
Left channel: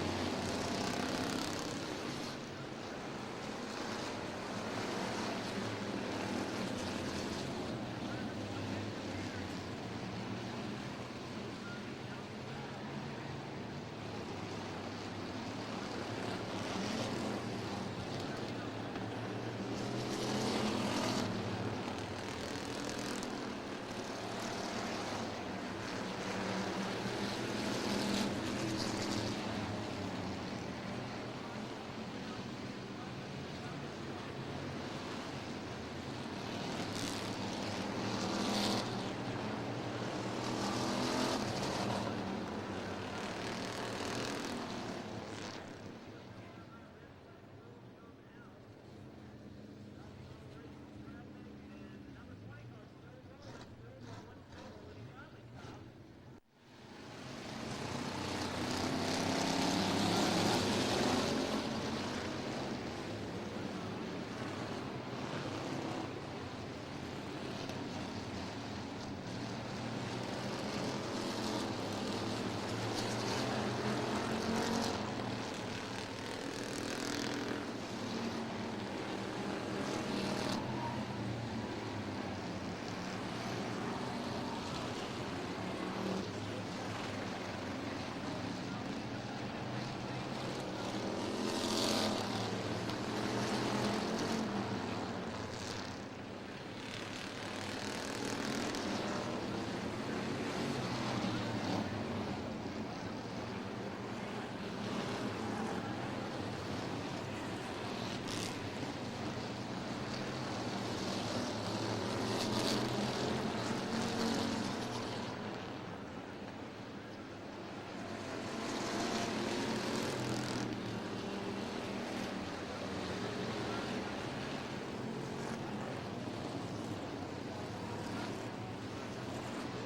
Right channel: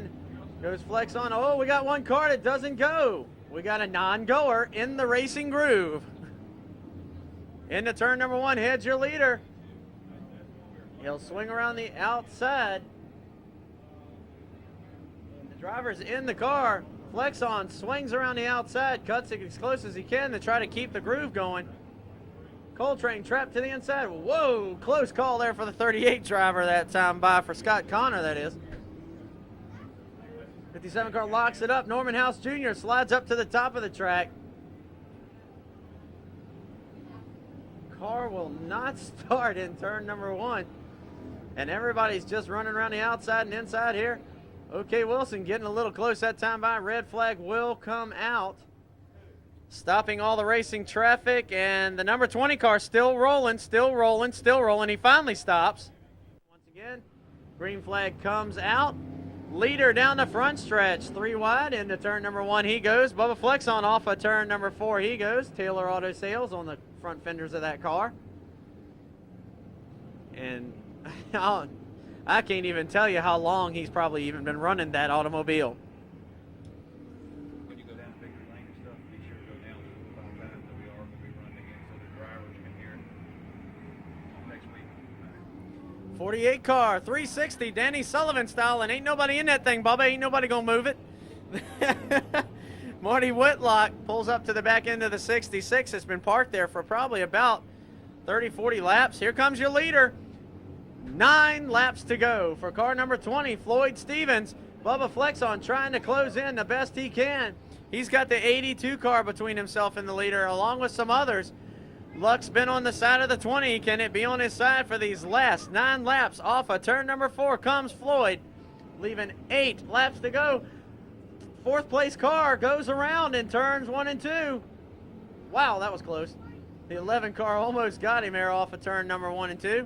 Goes Flex on. Oh, we got 1 car that doesn't go. We got a non-goer in the racing groove. Into turn number 1, heads your leader. He'll swing around the outside. Driver's in the car. Flex on, swings around the outside, cuts it as close as he can to try to keep the groove going. Coltrane trapped to the inside. Whoa, close call there for the 38 driver that time by, for Scott Connor, that is. 57 car locks it up. Norman House Jr. slides up to the top of the track. Car will not start in turn number 1. And everybody's just running around the outside and inside here. OK Wilson getting a little close that time by. Red flag will come out, stopping all the racing traffic, and the number 20 car still rolling, still rolling, still rolling. He finally stops. Once again, green flag comes out. Leader down the front stretch, 3 wide into turn number 1 he goes. Bubba Flexon off of turn number 4 he goes. Taylor Auto Sales on the front fenders of that car. And I can't even tell you how long he's probably even been running that automobile. '48 car, 360, Danny Sullivan style, and ain't nobody in that thing, Bubba. Ain't nobody gonna move it. Marty Whitlock pulls up to the back end of the 66. It's been parked there for probably about 30, 40 laps. Here comes your leader. 9 laps to go for car number 20, Floyd Stevens. Bubba Flexon trying to close in the best he can. He's got the 82 car between himself and the leader, along with some others. Luck's been on the side of the 20. Can it be on his side for these last 9 laps? Off of turn number 4 comes Floyd, leaving 8 laps to go. 4th place car goes around in turns 1 and 2. Wow, that was close. The 11 car almost got him there off of turn number 1 and 2.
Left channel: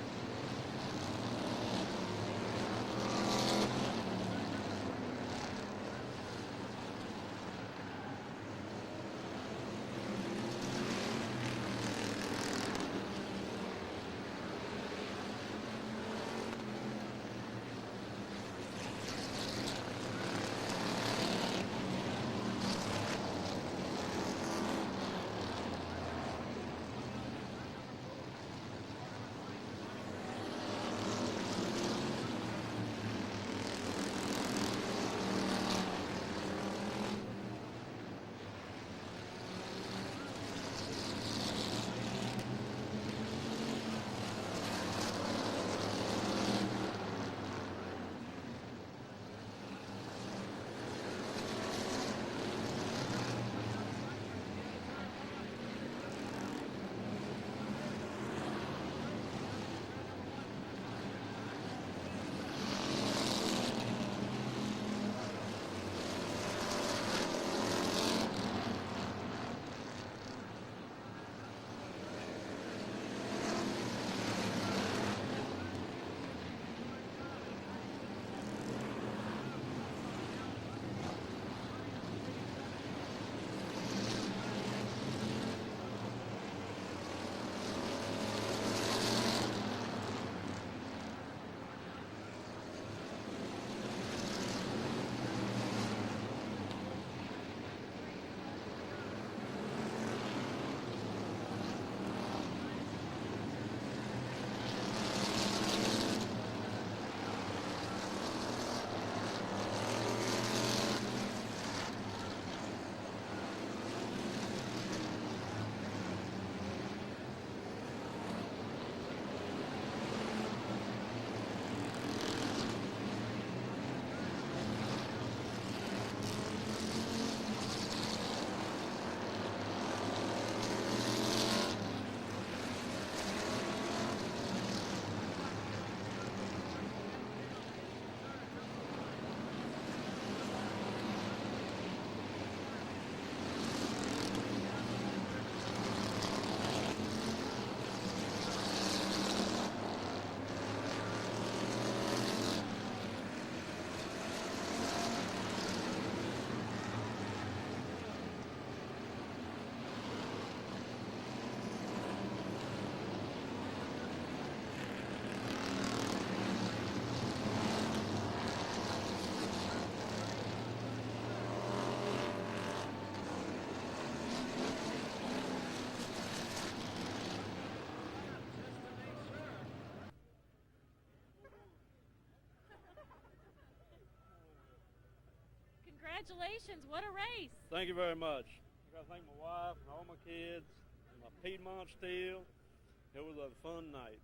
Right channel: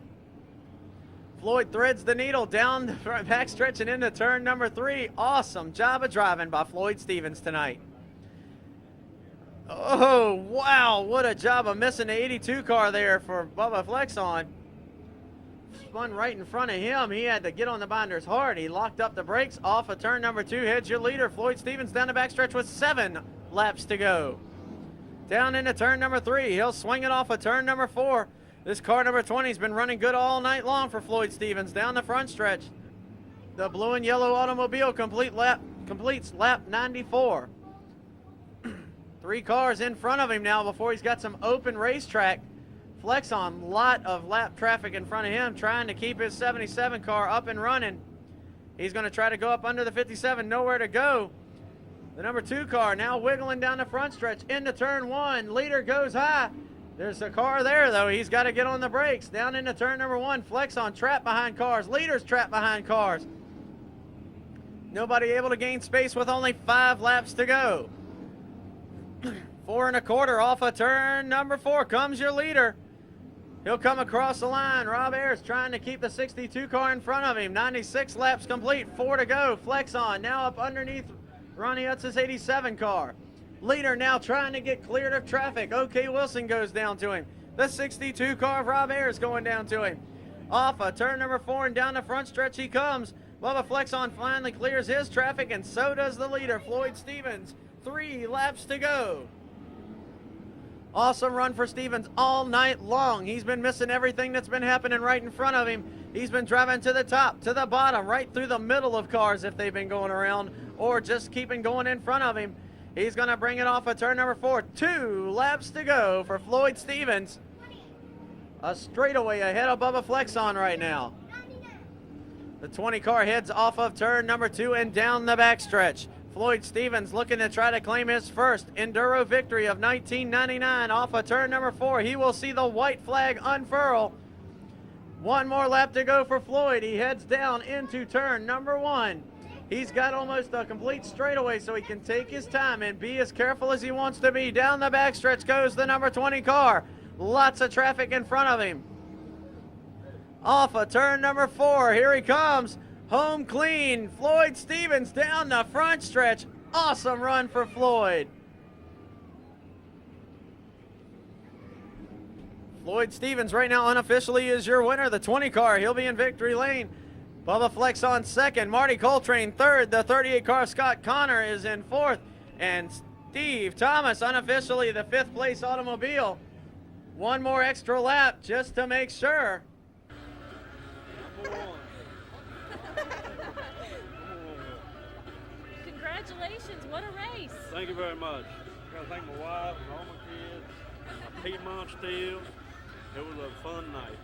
Floyd threads the needle down the backstretch and into turn number 3. Awesome job of driving by Floyd Stevens tonight. Oh, wow, what a job of missing the 82 car there for Bubba Flexon. Spun right in front of him. He had to get on the binders hard. He locked up the brakes. Off of turn number 2, heads your leader, Floyd Stevens, down the backstretch with 7 laps to go. Down into turn number 3. He'll swing it off of turn number 4. This car number 20 has been running good all night long for Floyd Stevens down the front stretch. The blue and yellow automobile completes lap 94. 3 cars in front of him now before he's got some open racetrack. Flexon, lot of lap traffic in front of him, trying to keep his 77 car up and running. He's going to try to go up under the 57, nowhere to go. The number 2 car now wiggling down the front stretch into turn 1. Leader goes high. There's a car there, though. He's got to get on the brakes. Down into turn number 1. Flexon trapped behind cars. Leader's trapped behind cars. Nobody able to gain space with only 5 laps to go. 4 1/4 off of turn number 4 comes your leader. He'll come across the line. Rob Ayers trying to keep the 62 car in front of him. 96 laps complete, 4 to go. Flexon now up underneath Ronnie Utz's 87 car. Leader now trying to get cleared of traffic. OK Wilson goes down to him. The 62 car of Rob Ayers going down to him. Off of turn number 4 and down the front stretch he comes. Bubba Flexon finally clears his traffic, and so does the leader, Floyd Stevens. 3 laps to go. Awesome run for Stevens all night long. He's been missing everything that's been happening right in front of him. He's been driving to the top, to the bottom, right through the middle of cars if they've been going around, or just keeping going in front of him. He's going to bring it off of turn number 4. 2 laps to go for Floyd Stevens. A straightaway ahead of Bubba Flexon right now. The 20 car heads off of turn number 2 and down the backstretch. Floyd Stevens looking to try to claim his first Enduro victory of 1999 off of turn number 4. He will see the white flag unfurl. 1 more lap to go for Floyd. He heads down into turn number 1. He's got almost a complete straightaway, so he can take his time and be as careful as he wants to be. Down the backstretch goes the number 20 car. Lots of traffic in front of him. Off of turn number 4, here he comes. Home clean, Floyd Stevens down the front stretch. Awesome run for Floyd. Floyd Stevens right now unofficially is your winner. The 20 car, he'll be in victory lane. Bubba Flexon second, Marty Coltrane third. The 38 car, Scott Connor, is in 4th. And Steve Thomas unofficially the 5th place automobile. 1 more extra lap just to make sure. Congratulations, what a race. Thank you very much. I gotta thank my wife and all my kids, my Piedmont Steel. It was a fun night.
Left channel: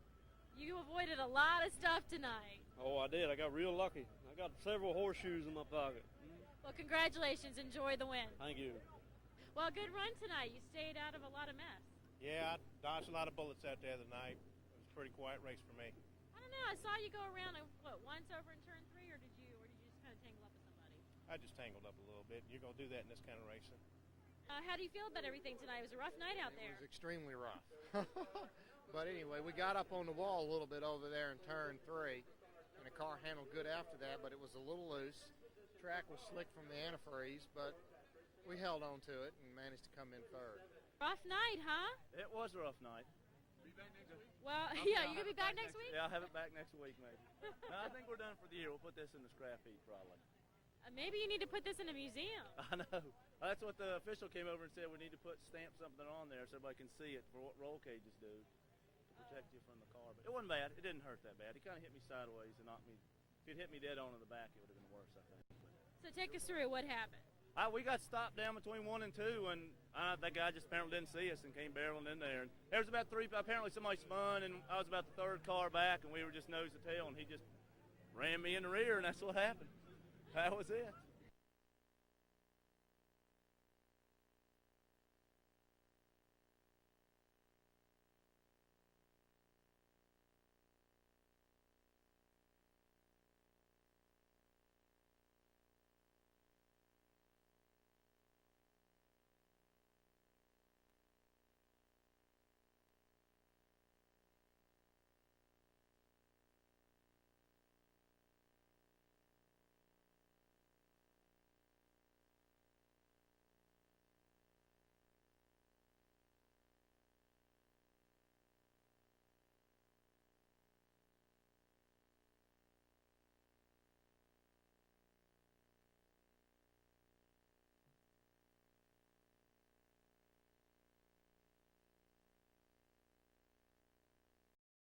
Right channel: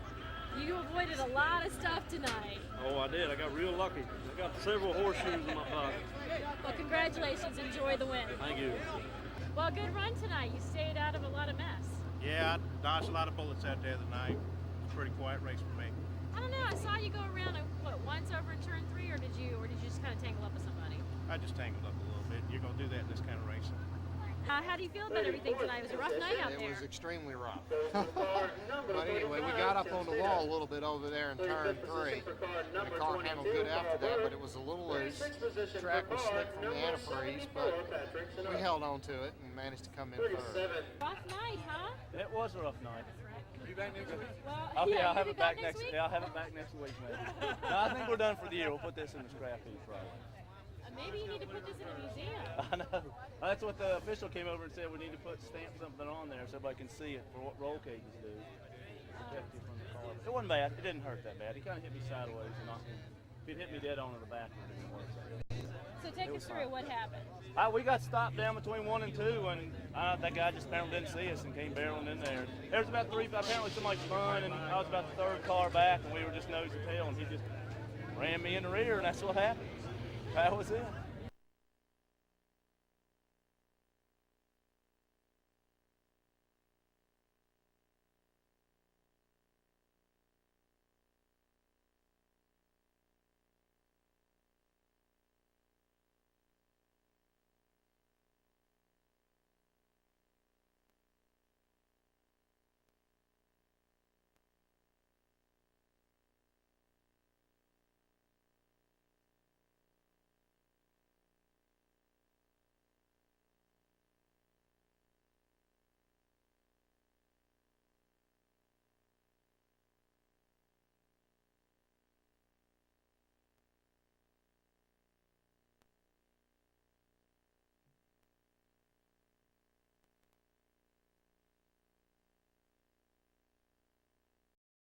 You avoided a lot of stuff tonight. Oh, I did. I got real lucky. I got several horseshoes in my pocket. Well, congratulations. Enjoy the win. Thank you. Well, good run tonight. You stayed out of a lot of mess. Yeah, I dodged a lot of bullets out there tonight. It was a pretty quiet race for me. I don't know. I saw you go around, once over in turn 3, or did you just kind of tangle up with somebody? I just tangled up a little bit. You're going to do that in this kind of racing. How do you feel about everything tonight? It was a rough night out It there. was extremely rough. But anyway, we got up on the wall a little bit over there in turn 3. The car handled good after that, but it was a little loose. The track was slick from the antifreeze, but we held on to it and managed to come in third. Rough night, huh? It was a rough night. You back next week? Well, Oh, yeah, I'll you'll have be it back next week? Yeah, I'll have it back next week, man. No, I think we're done for the year. We'll put this in the scrap heap probably. Maybe you need to put this in a museum. I know. That's what the official came over and said. We need to stamp something on there so everybody can see it for what roll cages do. Protect you from the car. It wasn't bad. It didn't hurt that bad. He kind of hit me sideways, and if he'd hit me dead on in the back, it would have been worse. So take us through it. What happened? We got stopped down between 1 and 2, and that guy just apparently didn't see us and came barreling in there. There was about 3, apparently somebody spun, and I was about the third car back, and we were just nose to tail, and he just ran me in the rear, and that's what happened. That was it.